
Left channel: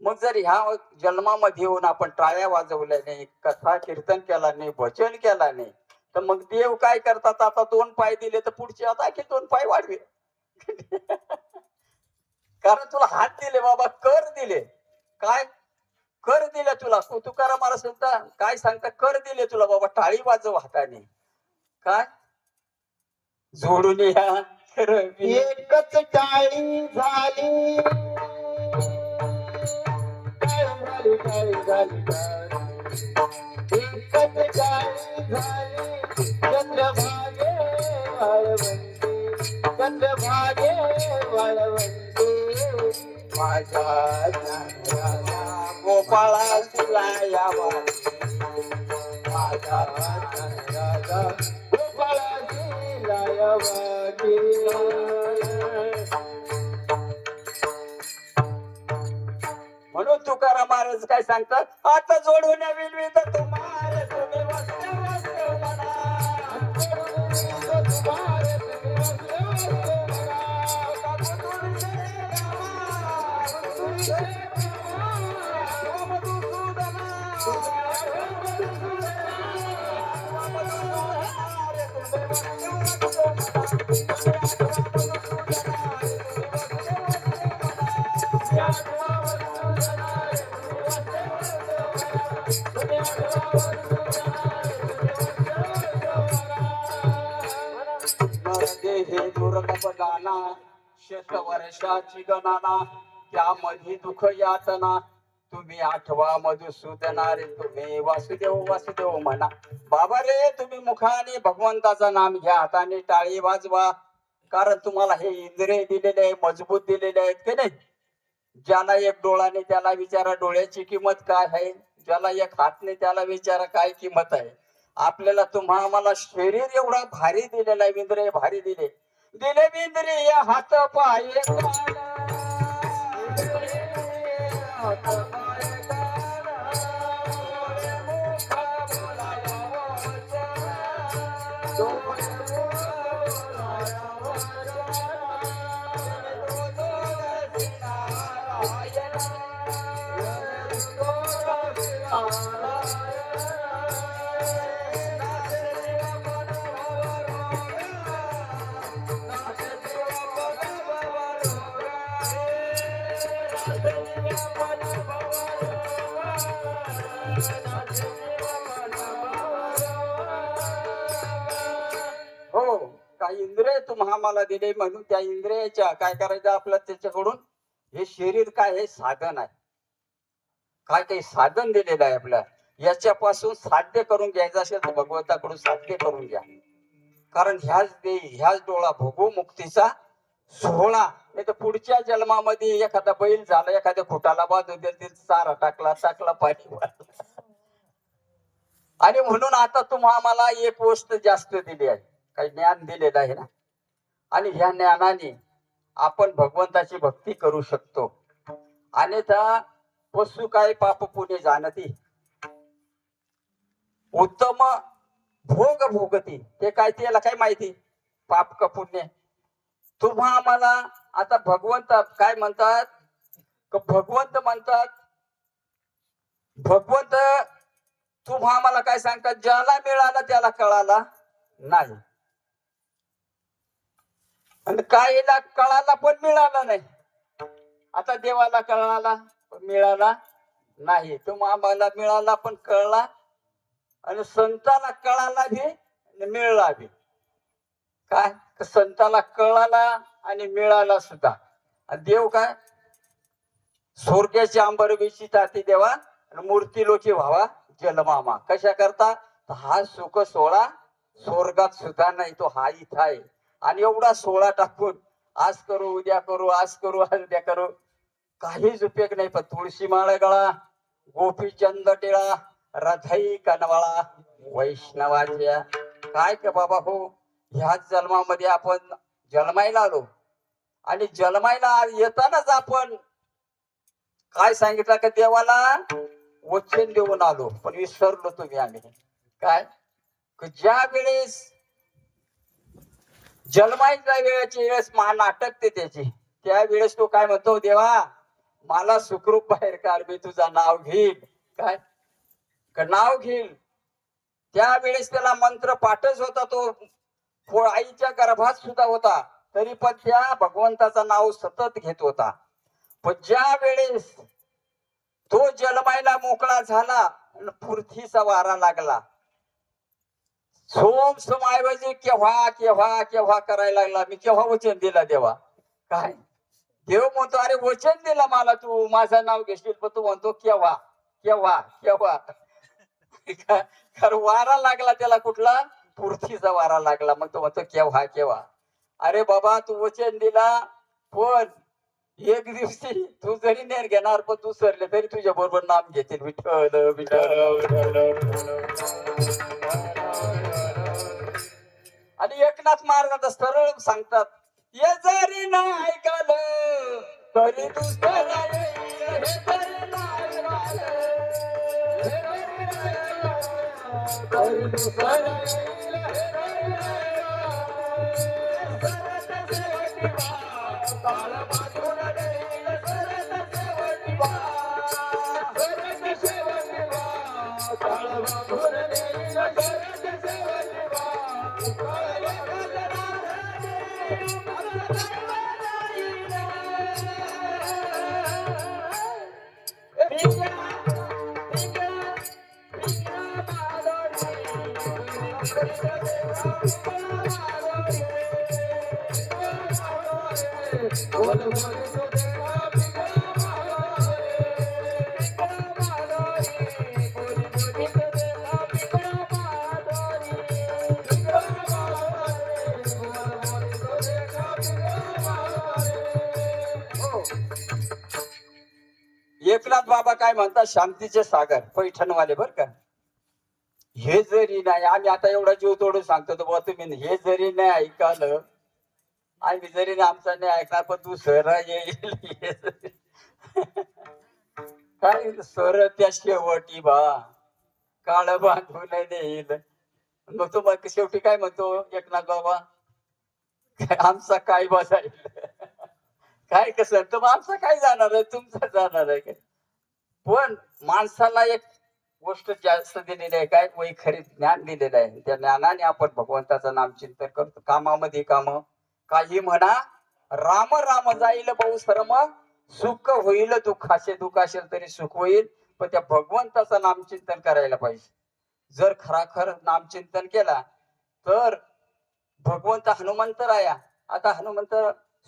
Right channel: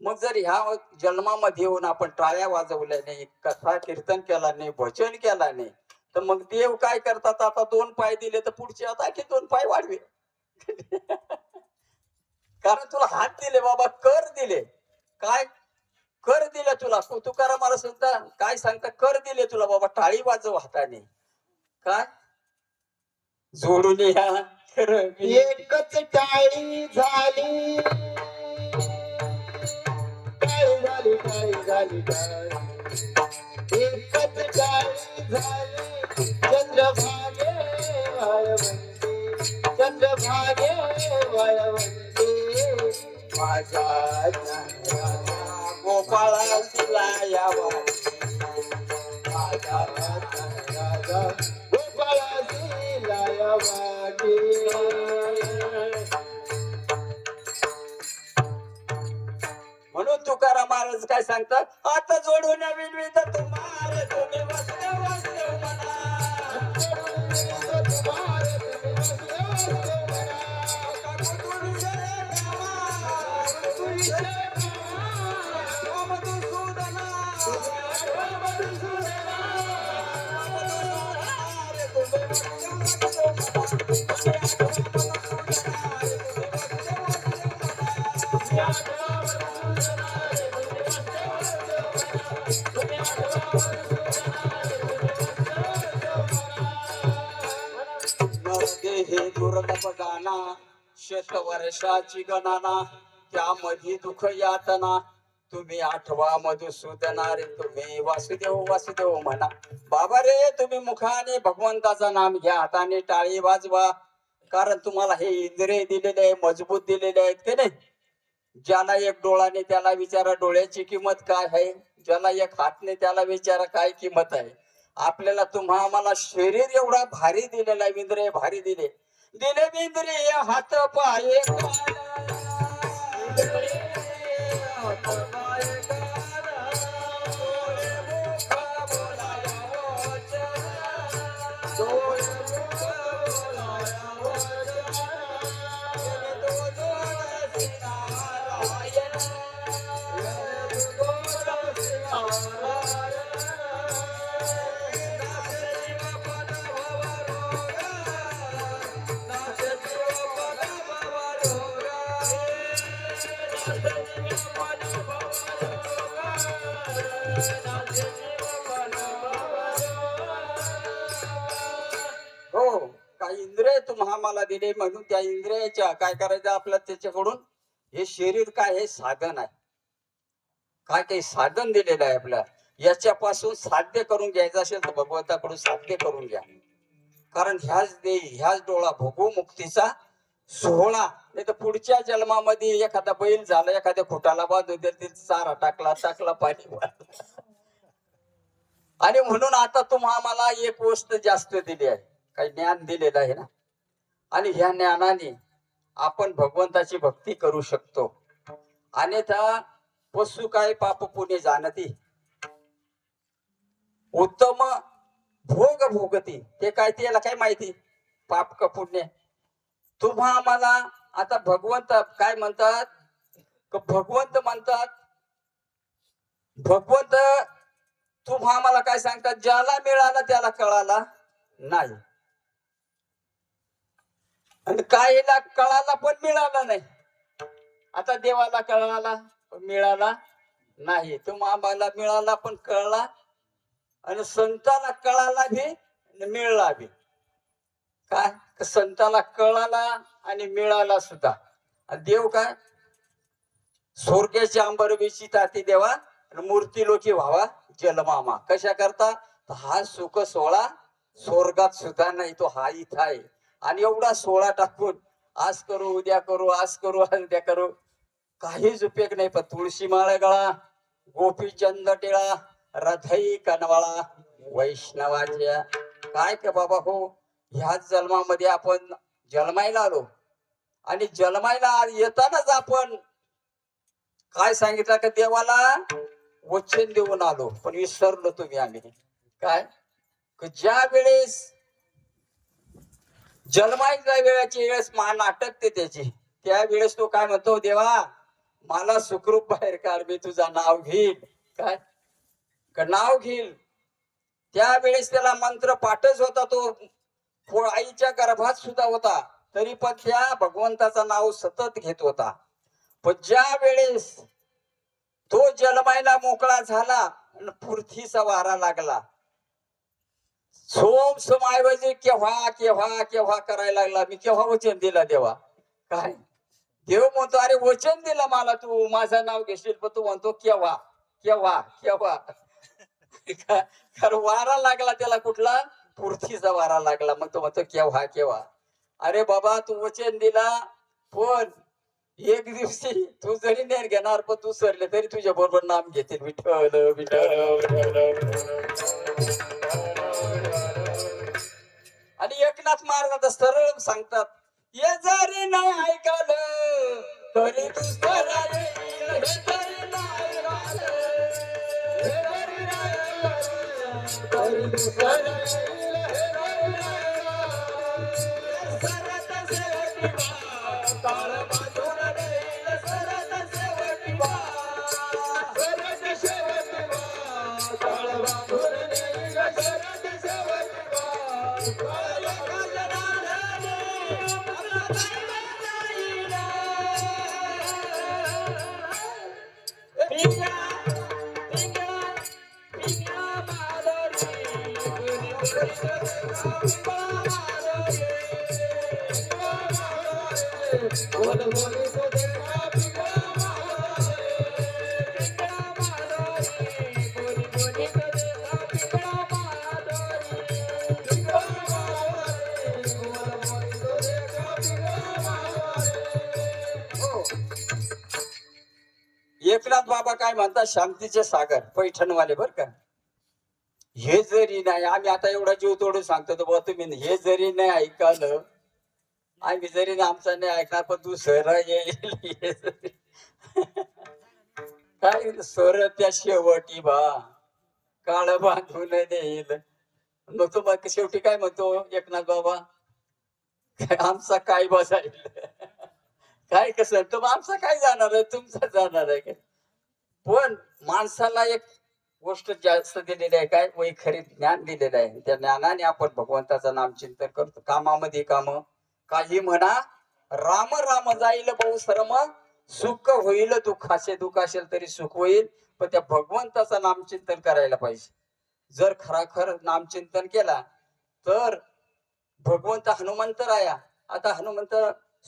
मग जर ह्या जन्मामध्ये येऊन आपण टाळ्या वाजवल्या नाही, कथा कीर्तन केला नाही, भजन केला नाही, तर मग देव काय करतात? आता 2 पाय दिले तर पुढचे आता की 2 पाय वाढवे. कारण तुला हात दिले बाबा, कर दिले. काय कर दिले तुला? तुकाराम महाराज सांगता काय सांगता? कर दिले तुला बाबा, टाळी वाजव हाताने. काय जोडून या एकच टाळी झाली, टाळी झाली एकच टाळी झाली. चंद्रभागे वाळवंटी, चंद्रभागे वाळवंटी माझ्या गोपाळा तुला यावा. माझा राजा गोपाळाची लायवाटी. म्हणून तुकाराम महाराज काय सांगतात? आता जोडवण्या विनवित तुम्हाला तुम्ही वस्त्र वस्त्र म्हणा. हे दुर्लभ गाना शतवर्षाची गणना, त्यामध्ये दुःख यातना तुम्ही आठवा मधुसूदना रे तुम्ही वासुदेव वासुदेव म्हणा. बाबा रे तुम्ही मुखाने भगवंताचं नाम घ्या, हाताने टाळी वाजवा. कारण तुम्हाला हे इंद्रिय दिलेले आहे, मजबूत दिलेले आहेत की नाही. ज्याला एक डोळाने त्याला विचारा डोळ्याची किंमत काय आहे, ज्याला एक हातने त्याला विचारा काय किंमत आहे. आपल्याला आम्हाला शरीर एवढा भारी दिलेला आहे, इंद्रिय भारी दिले दिले इंद्रिय हात पाय कान. हात पाय कान, डोळे मुख बोलाया वचन. डोळे मुख बोलाया वचन. तो जोडसी नारायण. तो जोडसी नारायण. हो, काही इंद्रिय आम्हाला दिले म्हणून त्या इंद्रियाच्या काय करायचं आपलं त्याच्याकडून. हे शरीर काय हे साधन आहे, काय काही साधन दिलेलं आहे आपल्याला. याच्यापासून साध्य करून घ्यायचं असेल तर भगवंताकडून साध्य करून घ्या. कारण ह्याच देही ह्याच डोळा भोगू मुक्तीचा सोहळा. नाही तर पुढच्या जन्मामध्ये एखादा बैल झाला, एखाद्या खोटाला बांधून दिला, चारा टाकला पाणी वाटलं. आणि म्हणून आता आम्हाला एक गोष्ट जास्त दिली आहे, काही ज्ञान दिलेलं आहे ना. आणि ह्या ज्ञानाने आपण भगवंताची भक्ती करू शकतो. अन्यथा पशु काय पाप पुण्य जाणती, उत्तम भोग भोगती. ते काय त्याला काय माहिती पाप का पुण्य. आम्हाला आता भगवंत काय म्हणतात, भगवंत म्हणतात भगवंत आम्हाला काय सांगतात, ज्याला मिळाला त्याला कळाला नाही, आणि काहीला कळाला पण मिळाला नाही. आता देवाला कळाला पण मिळाला नाही, आम्हाला मिळाला पण कळला, आणि संताला कळाला भी मिळाला भी. काय संताला कळाला आणि मिळाला सुद्धा. देव काय स्वर्गाची अंबरबीची ताती देवा, मूर्ती लोकी व्हावा जलमामा. कशा करता, हा सुख सोहळा स्वर्गात सुद्धा नाही, तो हा इथं आहे. आणि एवढा सोहळा टाकून आज करू उद्या करू, आज करू उद्या करू, काहीच उपयोग नाही. पण तुळशी माळ गळा, गोपी चंद टिळा, रथई कनवाळा वैष्णवाच्या. काय का बाबा हो, ह्याच जन्मामध्ये आपण जन्मायला आलो, आणि जन्मायला येतानाच आपण काय सांगितलं का, देवाला वचन देऊन आलो पण विसरलो आम्ही. काय ज्या वेळेस जन्मायच्या वेळेस मान अटकते त्याची, त्यावेळेस तो काय म्हणतो, देवा मला सुखरूप बाहेर काढ, मी तुझा नाव घेईल. काय नाव घेईल. त्यावेळेस त्याला मंत्र पाठच होता, तो आईच्या गर्भात सुद्धा होता, तरी पण त्या भगवंताचं नाव सतत घेत होता. पण ज्या वेळेस तो जन्मायला मोकळा झाला आणि पृथ्वीचा वारा लागला, सोम सोमाऐवजी केव्हा केव्हा केव्हा करायला लागला. मी केव्हा वचन दिला देवा. काय देव म्हणतो, अरे वचन दिलं मला, तू माझं नाव घेशील, पण तू म्हणतो केव्हा केव्हा केव्हा. कारण वारा लागला त्याला, कुठला पृथ्वीचा वारा लागला, मग तो म्हणतो केव्हा केव्हा. अरे बाबा तू वचन दिला, पण एक दिवशी तू जरी नेर घेणार, पण तू सरले तरी तुझ्या बरोबर नाम घेतील, विठ्ठल विठ्ठल. आणि एकनाथ महाराज सरळ सांगतात, ये जरी नाही ऐकलं तरी दुसरा येईल, हे जरी नाही ऐकलं तरी दुसरा येईल, हे जरी नाही सरत सेवटी ताळ बाजून देईल, सरत सेवटी सरत सेवटी ताळ बाजून देईल, सरत सेवटी एकनाथ बाबा काय म्हणतात, शांतीचे सागर पैठणवाले बर का, हे जरी नाही, आम्ही आता एवढा जीव तोडून सांगतो तर बुवा तुम्ही हे जरी नाही ऐकलं, आम्ही जरी नाही आमचा नाही ऐकणार, पण तू सर येईल हे जरी. काय सर त्या शेवटी बा काळ बांधून देईल. मग तो मग शेवटी काय म्हणतो एकनाथ बाबा, काय आमचा काय बसाईल, काय कसं तर मग आमचा काय जाणार आहे, तुमचा जाणार आहे काय. पण माणसाला एक गोष्ट जास्त दिलेली आहे, काय वैखरी ज्ञान दिलेलं आहे. त्या ज्ञानाने आपण भगवंताचं नामचिंतन करतो. कामामध्ये काम, काही म्हणा राम राम जाईल बहु श्रम, सुख होईल दुःखाचे, दुःख असेल तरी सुख होईल, पण त्या भगवंताचं नामचिंतन करायला पाहिजे. जर खराखर नामचिंतन केला तर भगवंत हनुमंत राया. आता हनुमंत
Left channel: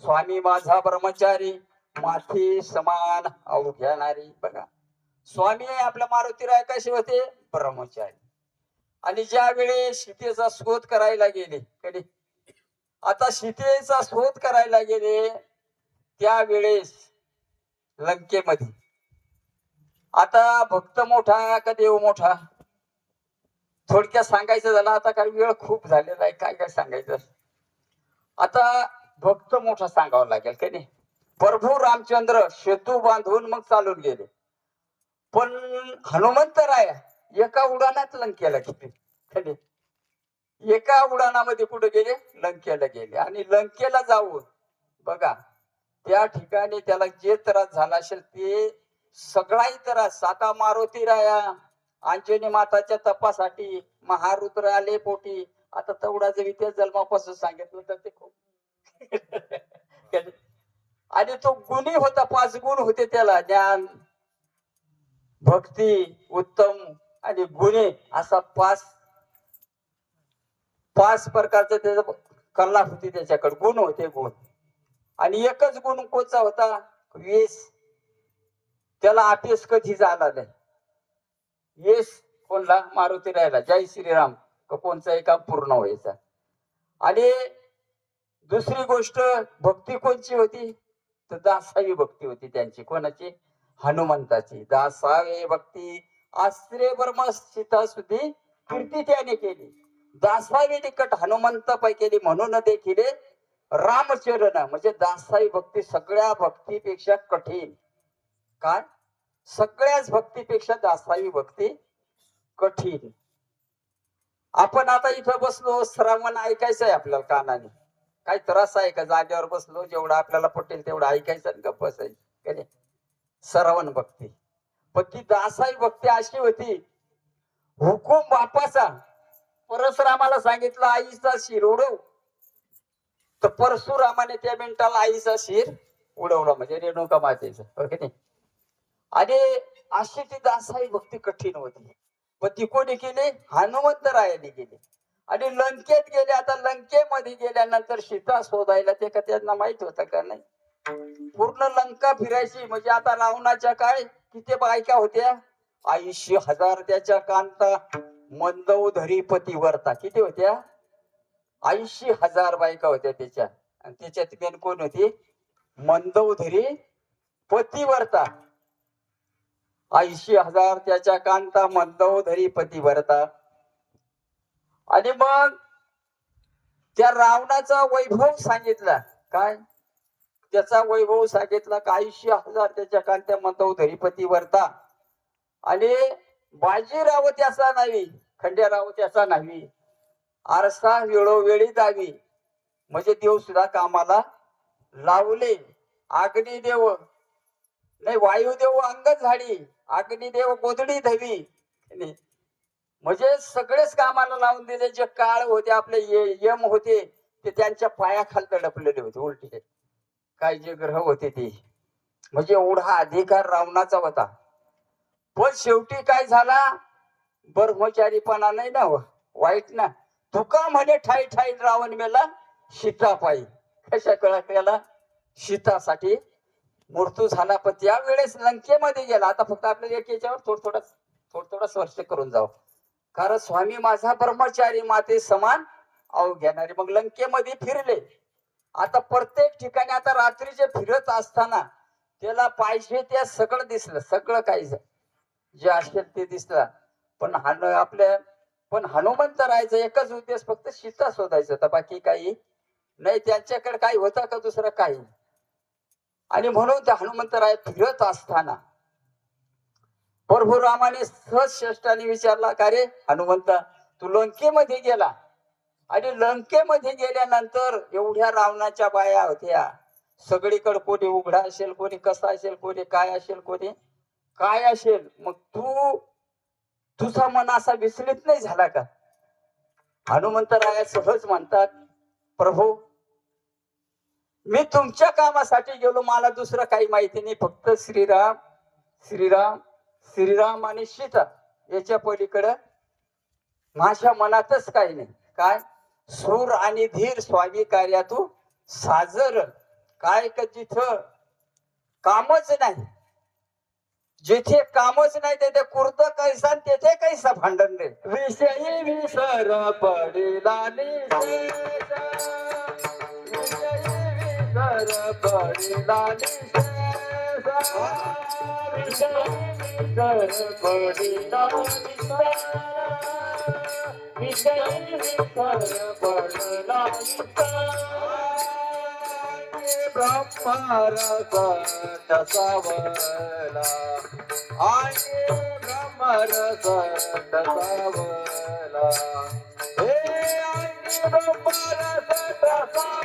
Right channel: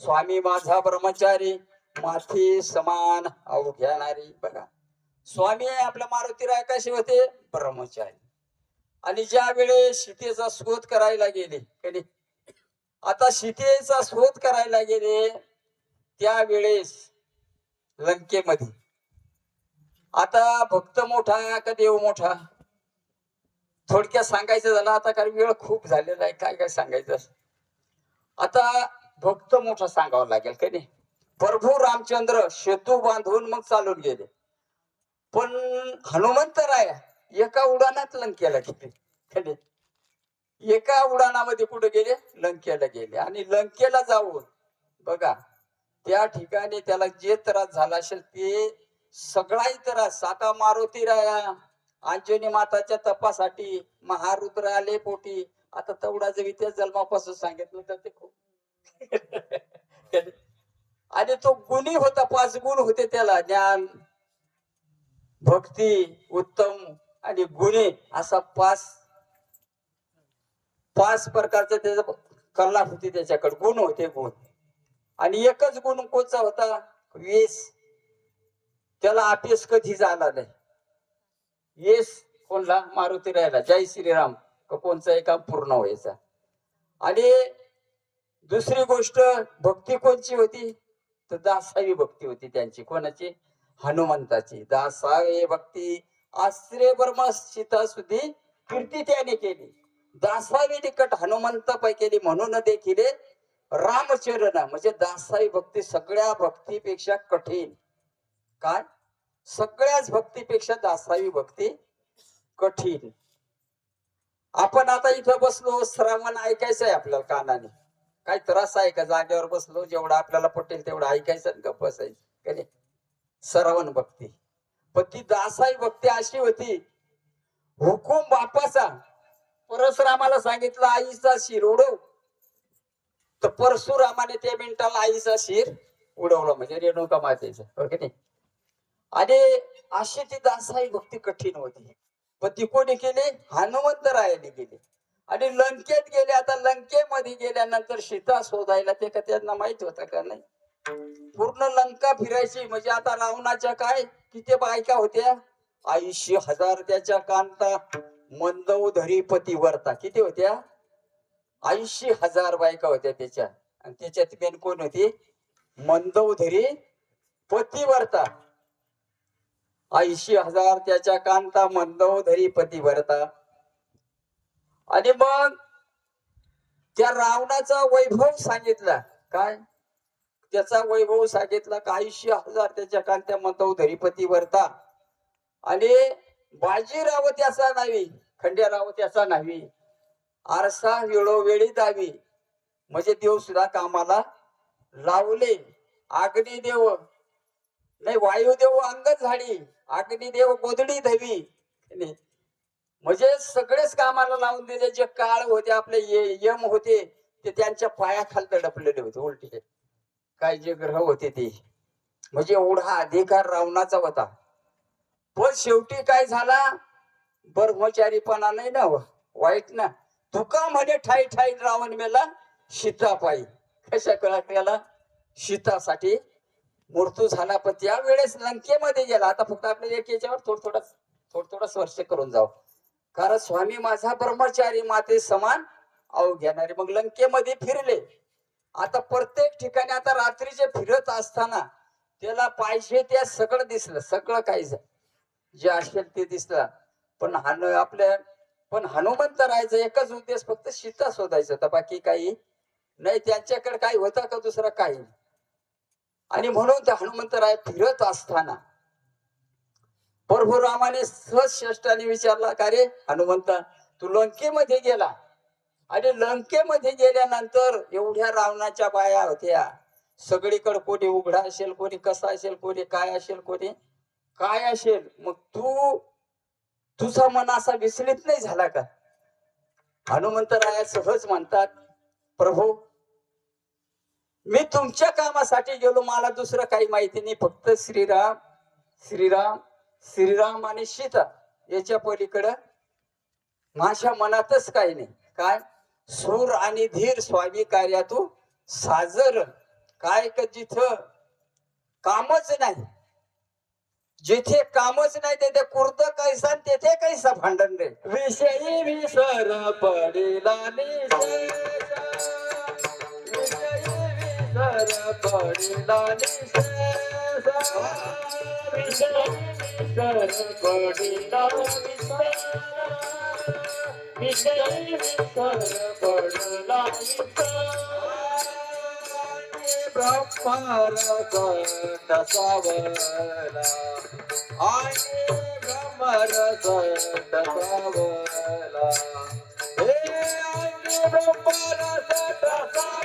स्वामी माझा ब्रह्मचारी, माथी समान अवघ्यानारी. बघा स्वामी आपल्या मारुतीराय कसे होते, ब्रह्मचारी. आणि ज्या वेळेस सीतेचा शोध करायला गेले कधी, आता सीतेचा शोध करायला गेले त्यावेळेस लंकेमध्ये, आता भक्त मोठा का देव मोठा, थोडक्यात सांगायचं झालं, आता काही वेळ खूप झालेला आहे, काय काय सांगायचं. आता भक्त मोठा सांगावं लागेल का नाही. प्रभू रामचंद्र सेतू बांधून मग चालून गेले, पण हनुमंत राया एका उडानात लंकेला गेले. एका उडानामध्ये कुठे गेले, लंकेला गेले. आणि लंकेला जाऊन बघा त्या ठिकाणी त्याला जे त्रास झाला असेल ते सगळाही त्रास, आता मारुती राया अंजनी माताच्या तपासाठी महारुद्र आले पोटी. आता तेवढा जर इतिहास जन्मापासून सांगितलं तर ते खूप आणि तो गुणी होता, 5 गुण होते त्याला, ज्ञान भक्ती उत्तम आणि गुणे, असा 5 प्रकारचे त्याचा कला होती, त्याच्याकडे गुण होते गुण. आणि एकच गुण कोणचा होता, वेस. त्याला आपेस कधी झाला नाही. येस कोणला, मारुती राहिला, जय श्रीराम कोणचा काम पूर्ण व्हायचा. आणि दुसरी गोष्ट भक्ती कोणची होती, तर दासावी भक्ती होती त्यांची. कोणाची, हनुमंताची. दासावी भक्ती आश्रय ब्रह्म सीता सुधी कीर्ती त्याने केली. दासावी निकट हनुमंत पै केली, म्हणून देखील रामचरण म्हणजे दासावी भक्ती सगळ्या भक्तीपेक्षा कठीण. काय, सगळ्याच भक्तीपेक्षा दासावी भक्ती कठीण. आपण आता इथं बसलो, श्रावण ऐकायचं आहे आपल्याला कानाने. काही त्रास आहे का, जागेवर बसलो जेवढं आपल्याला पटेल तेवढं ऐकायचं आणि गप्प बसायचं. श्रवण भक्ती. पण ती दासाई भक्ती अशी होती, हुकूम बापाचा. परशुरामाला सांगितलं आईचा शिर उडव, तर परशुरामाने त्या मिनिटाला आईचा शिर उडवला, म्हणजे रेणुका मातेचं. ओके नाही. आणि अशी ती दासाई भक्ती कठीण होती, पण ती कोणी केली, हनुमंतरायाने केली. आणि लंकेत गेले. आता लंकेमध्ये गेल्यानंतर सीता शोधायला ते का त्यांना माहित होतं का नाही, पूर्ण लंका फिरायची. म्हणजे आता रावणाच्या काय किती बायका होत्या, 80,000 त्याच्या कांता मंदोदरी पतिव्रता. किती होत्या, 80,000 बायका होत्या त्याच्या. आणि त्याच्यात मेन कोण होती, मंदोदरी पतिव्रता. 80,000 त्याच्या कांता मंदोदरी पतिव्रता. आणि मग त्या रावणाचा वैभव सांगितला, काय त्याचा वैभव सांगितला का, 80,000 त्याच्या कांत्या मंदोदरी पतिव्रता. आणि बाजीराव त्याचा नावी, खंडेराव त्याचा नावी, आरसा वेळोवेळी दावी. म्हणजे देव सुद्धा कामाला लावले. अग्निदेव नाही, वायुदेव अंग झाडी, अग्निदेव गोधडी धवी. म्हणजे सगळेच कामाला लावून दिले. जे काळ होते आपले यम होते ते त्यांच्या पायाखाली दडपलेले होते उलटे. काय जे ग्रह होते ते, म्हणजे एवढा अधिकार रावणाचा होता. पण शेवटी काय झाला, ब्रह्मचारीपणा नाही ना वाईट ना. तुका म्हणे ठाई ठाई रावण मेला सीता पायी. कशा कळला, सीतासाठी मृत्यू झाला. पण त्यावेळेस लंकेमध्ये गेला. आता फक्त आपल्याला एक याच्यावर थोडं स्पर्श करून जाऊ, कारण स्वामी माझा ब्रह्मचारी माते समान अवघ्यानारे. मग लंकेमध्ये फिरले. आता प्रत्येक ठिकाणी आता रात्रीचे फिरत असताना त्याला पाहिजे त्या सगळं दिसलं, सगळं काही जे असेल ते दिसलं. पण पण हनुमंत राहायचं एकच उद्देश, फक्त सीता शोधायचं होता, बाकी काही नाही. त्यांच्याकडे काही होता का दुसरं काही. आणि म्हणून त्या हनुमंतराय फिरत असताना परशुरामाने श्रेष्ठाने विचारला, का रे हनुमंता, तू लंकेमध्ये गेला आणि लंकेमध्ये गेल्यानंतर एवढ्या रावणाच्या बाया होत्या, सगळीकडे कोणी उघडा असेल, कोणी कसा असेल, कोणी काय असेल, कोणी काय असेल, मग तुझा मन असा विचलित नाही झाला का? हनुमंतराया सहज म्हणतात, प्रभू मी तुमच्या कामासाठी गेलो, मला दुसरं काही माहिती नाही, फक्त श्रीराम श्रीराम श्रीराम आणि सीता याच्या पलीकडं माझ्या मनातच काही नाही. काय सूर आणि धीर स्वामी कार्यातू साजर, काय का जिथं कामच नाही, जिथे कामच नाही तिथे कुर्द कैसा आणि तेथे कैसा भांडण रे. विषयी विसर पडिला निशेष, विषयी विसर पडिला निशेष, विषयी विसर पडिला निशेष, विषयी विसर पडिला निशेष. ब्रह्मरस डसावला, आणि ब्रह्मरस डसावला, हे आणि ब्रह्मरस डसावला,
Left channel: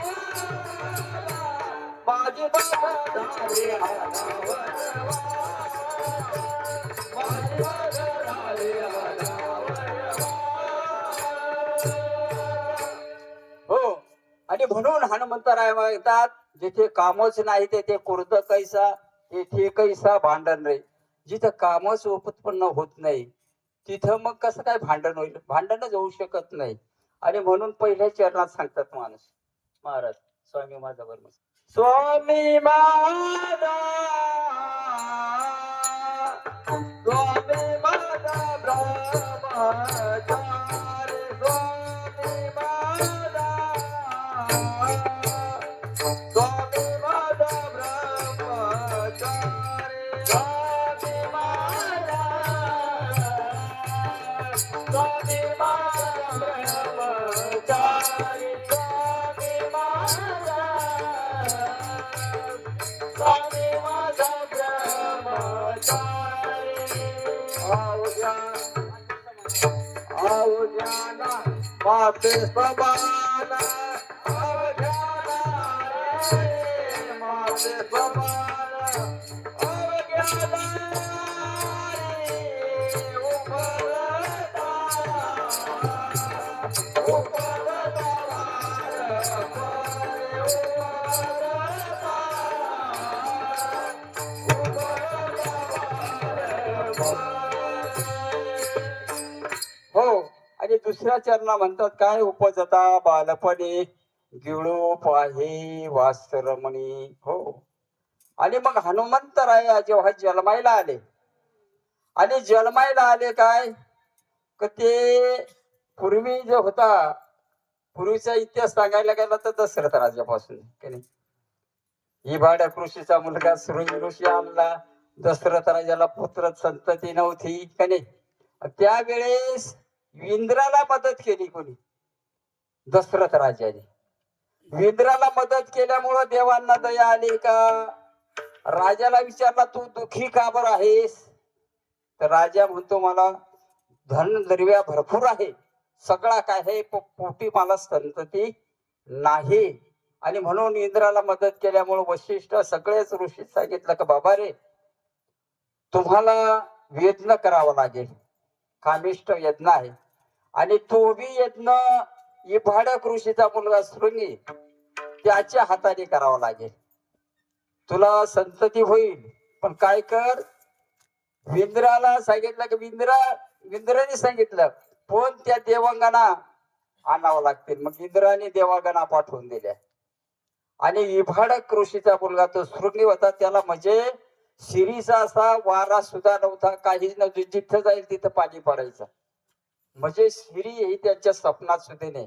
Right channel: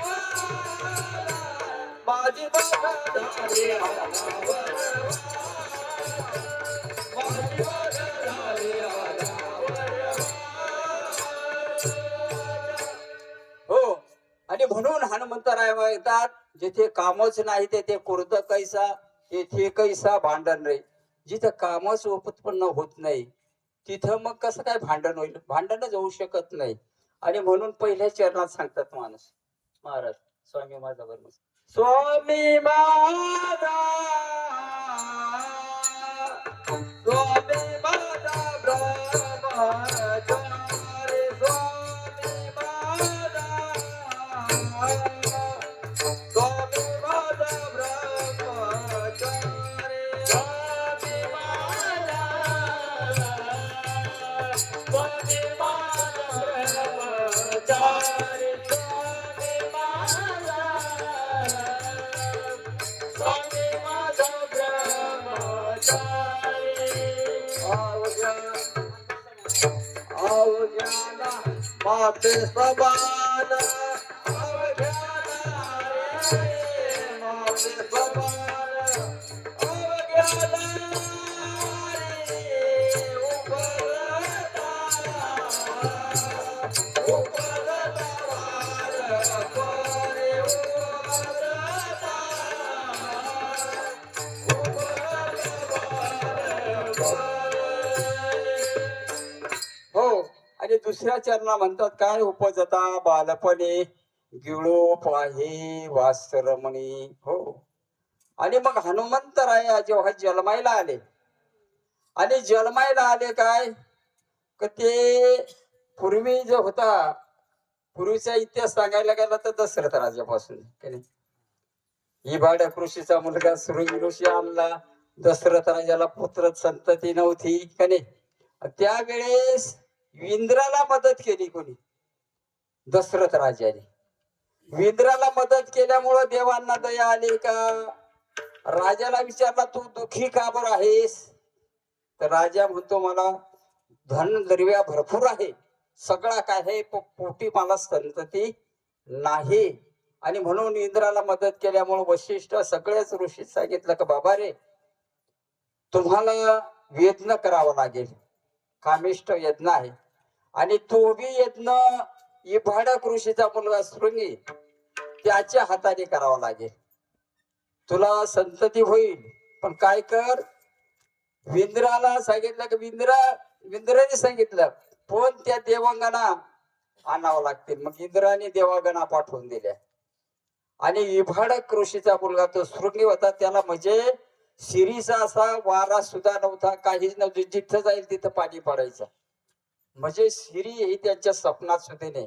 माझी बघाली आनावर, माझी बघाली आनावर. हो, आणि म्हणून हनुमंतराय म्हणतात, जिथे कामच नाही तेथे कुर्द कैसा, तेथे कैसा भांडण रे. जिथं कामच उत्पन्न होत नाही तिथं मग कसं काय भांडण होईल? भांडणच होऊ शकत नाही. आणि म्हणून पहिल्या चरणात सांगतात महाराज स्वामी माझा बरोबर, स्वामी माझा, स्वामी माझा ब्रह्मचारी, स्वामी माझा, स्वामी माझा ब्रह्मचारी, स्वामी माझा, स्वामी माझा ब्रह्मचारी, स्वामी माझा, स्वामी माझा ब्रह्मचारी. अवघ्याला माते समान, अवघ्याला रे माते समान, अवघ्याला रे उभरता, उभरता वार रे उभरता, हो. आणि दुसऱ्या चरणा म्हणतात काय, उपजता बालपणे गिळो पाहे वासरमणी. हो, आणि मग हनुमंतराय जेव्हा जन्मायला आले, आणि जन्मायला आले काय का, ते पूर्वी जो होता, पूर्वीचा इतिहास सांगायला गेला तर दशरथ राजापासून की नाही, ही भाड्या कृषीचा मुलगा सुरंगी ऋषी आणला, दशरथ राजाला पुत्र संतती नव्हती का नाही. त्यावेळेस इंद्राला मदत केली कोणी? दशरथ राजाने. इंद्राला मदत केल्यामुळं देवांना दया आली का? राजाला विचारला, तू दुःखी का बरं आहेस? तर राजा म्हणतो, मला धन द्रव्य भरपूर आहे, सगळा काय आहे, पोटी मला संतती नाही. आणि म्हणून इंद्राला मदत केल्यामुळे वशिष्ठ सगळेच ऋषी सांगितलं का, बाबा रे तुम्हाला यज्ञ करावा लागेल, कामिष्ट यज्ञ आहे, आणि तो बी यज्ञ इभाडक ऋषीचा मुलगा शृंगी त्याच्या हाताने करावा लागेल, तुला संतती होईल. पण काय कर, विंद्राला सांगितलं की विंद्राने सांगितलं पण त्या देवांगना आणावं लागतील. मग इंद्राने देवांगना पाठवून दिल्या, आणि इभाडक ऋषीचा मुलगा तो शृंगी होता, त्याला म्हणजे शिरीचा असा वारा सुद्धा नव्हता, काहीच नव्हतं, जिथं जाईल तिथं पाणी पडायचं, म्हणजे शिरी ही त्यांच्या स्वप्नात सुद्धा नाही.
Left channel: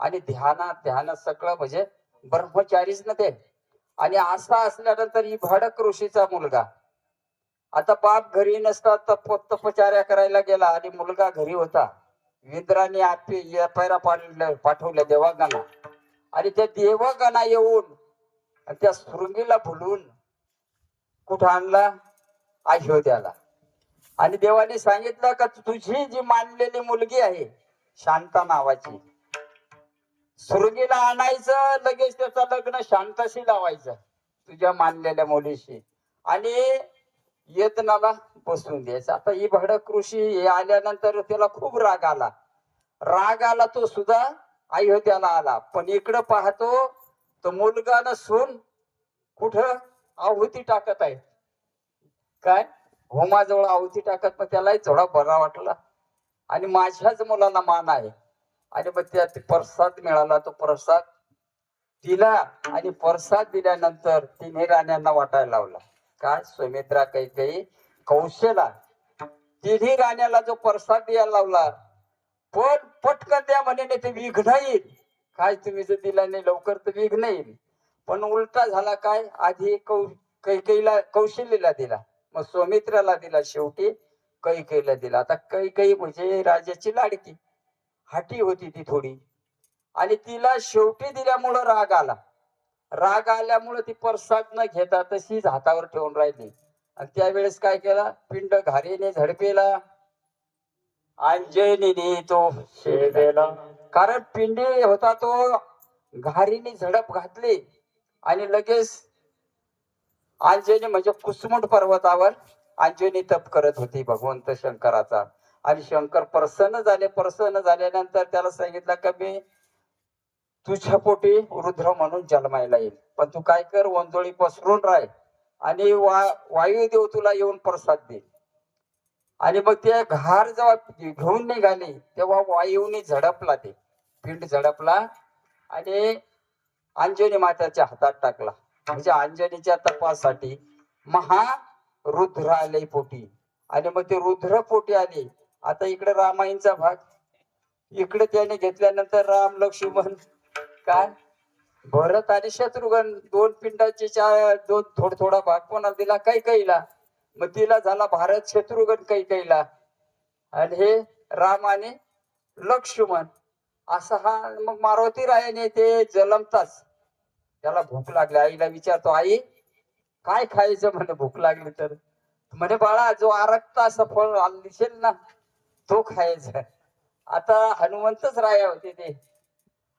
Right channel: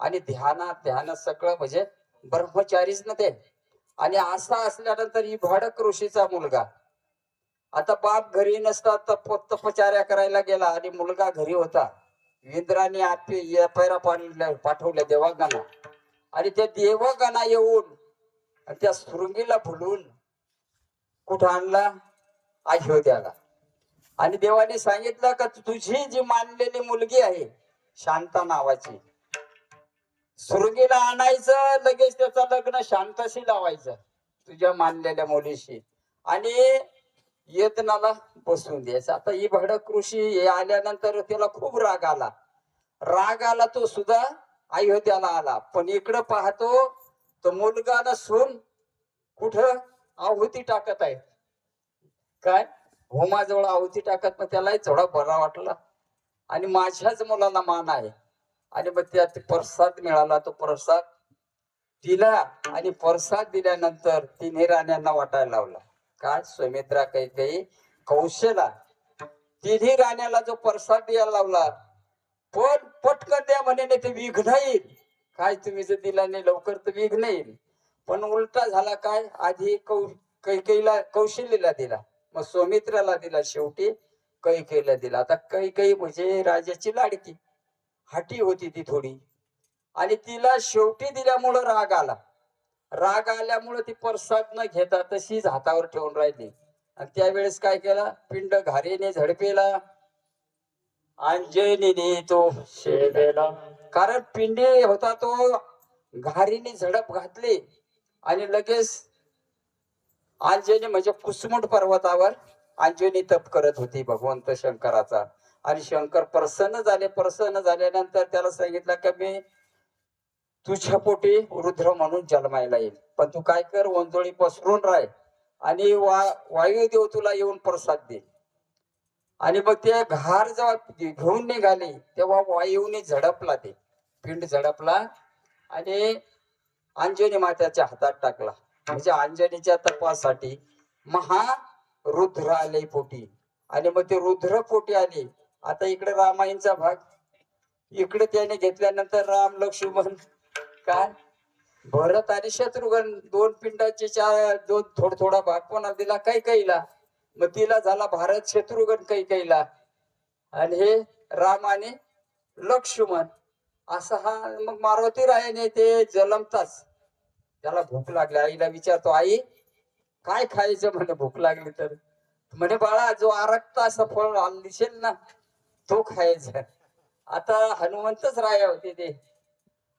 आणि ध्यानात सगळं म्हणजे ब्रह्मचारीच ना ते. आणि असा असल्यानंतर ही भडक ऋषीचा मुलगा, आता बाप घरी नसतात तपचार्या करायला गेला आणि मुलगा घरी होता. इंद्राने पैरा पाठवल्या देवांगांना आणि त्या देवगणा येऊन त्या शृंगीला भुलून कुठं आणला? अयोध्याला. आणि देवाने सांगितलं का तुझी जी मानलेली मुलगी आहे शांता नावाची, शृंगीला आणायचं, लगेच त्याचं लग्न शांताशी लावायचं तुझ्या मानलेल्या मुलीशी आणि येतनाला बसवून द्यायचं. आता ही भडक ऋषी हे आल्यानंतर त्याला खूप राग आला. राग आला तो सुद्धा अयोध्याला आला. पण इकडं पाहतो तो मुलगा न सून कुठं आहुती टाकत आहे. काय होमाजवळ आहुती टाकत, मग त्यालाही थोडा बरा वाटला आणि माझ्याच मुलाला मान आहे आणि मग त्यात प्रसाद मिळाला. तो प्रसाद दिला आणि प्रसाद दिल्यानंतर तिन्ही राण्यांना वाटायला लावला. काय सुमित्रा, कैकेयी, कौशला, तिन्ही राण्याला जो प्रसाद द्यायला लावला. पण पटकन द्या म्हणे ते विघ्न येईल. काय तुम्ही जर दिला नाही लवकर तर विघ्न येईल. पण उलटा झाला. काय आधी कैकेयीला कौशल्यला दिला, मग सुमित्राला दिला, शेवटी कैकेयीला दिला. आता कैकेयी म्हणजे राजाची लाडकी, हाटी होती ती थोडी आणि तिला शेवटी दिल्यामुळं राग आला. राग आल्यामुळे ती प्रसाद न घेता तशीच हातावर ठेवून राहिली. आणि त्यावेळेस काय केला? पिंड घारीने झडपेला, अंजनीने तो शेवेला. कारण पिंडी होता तो घारीने झडप घातली आणि लगेच अंजनी म्हणजे कुसमुंड पर्वतावर अंजनी तप करत होती भगवंत शंकराचा. आणि शंकर प्रसन्न झाले. प्रसन्न झाल्यानंतर त्याला सांगितलं की मी तुझ्या पोटी रुद्र म्हणून जन्मायला येईल, पण तू काय कर, वंजोळी पसरून राह आणि वायुदेव तुला येऊन प्रसाद दे. आणि मग ते घार जेव्हा घेऊन निघाले तेव्हा वायूने झडपला, ते पिंड झडपला आणि अंजनी मात्याच्या हातात टाकला. म्हणजे अंजनीच्या तपासाठी रुद्र आले पोटी आणि मग ते रुद्र पोटी आले. आता इकडे रामायणचा भाग इकडे त्याने घेतल्यानंतर राम लक्ष्मण काय भरत आणि शत्रुघ्न दोन पिंडाचे दोन थोडा भाग कोणाला दिला? कैकेयीला. मग तिला झाला भारत शत्रुघ्न कैकेयीला आणि हे राम आणि लक्ष्मण असा हा. मग मारुती रायाने ते जलमताच त्याला भूक लागली. आईला विचारतो, आई काय खायचं? म्हणे भूक लागली तर म्हणे बाळा जो आरक्ता असं फळ दिसेल ना तो खायचं. आता हनुमंतच राया होते ते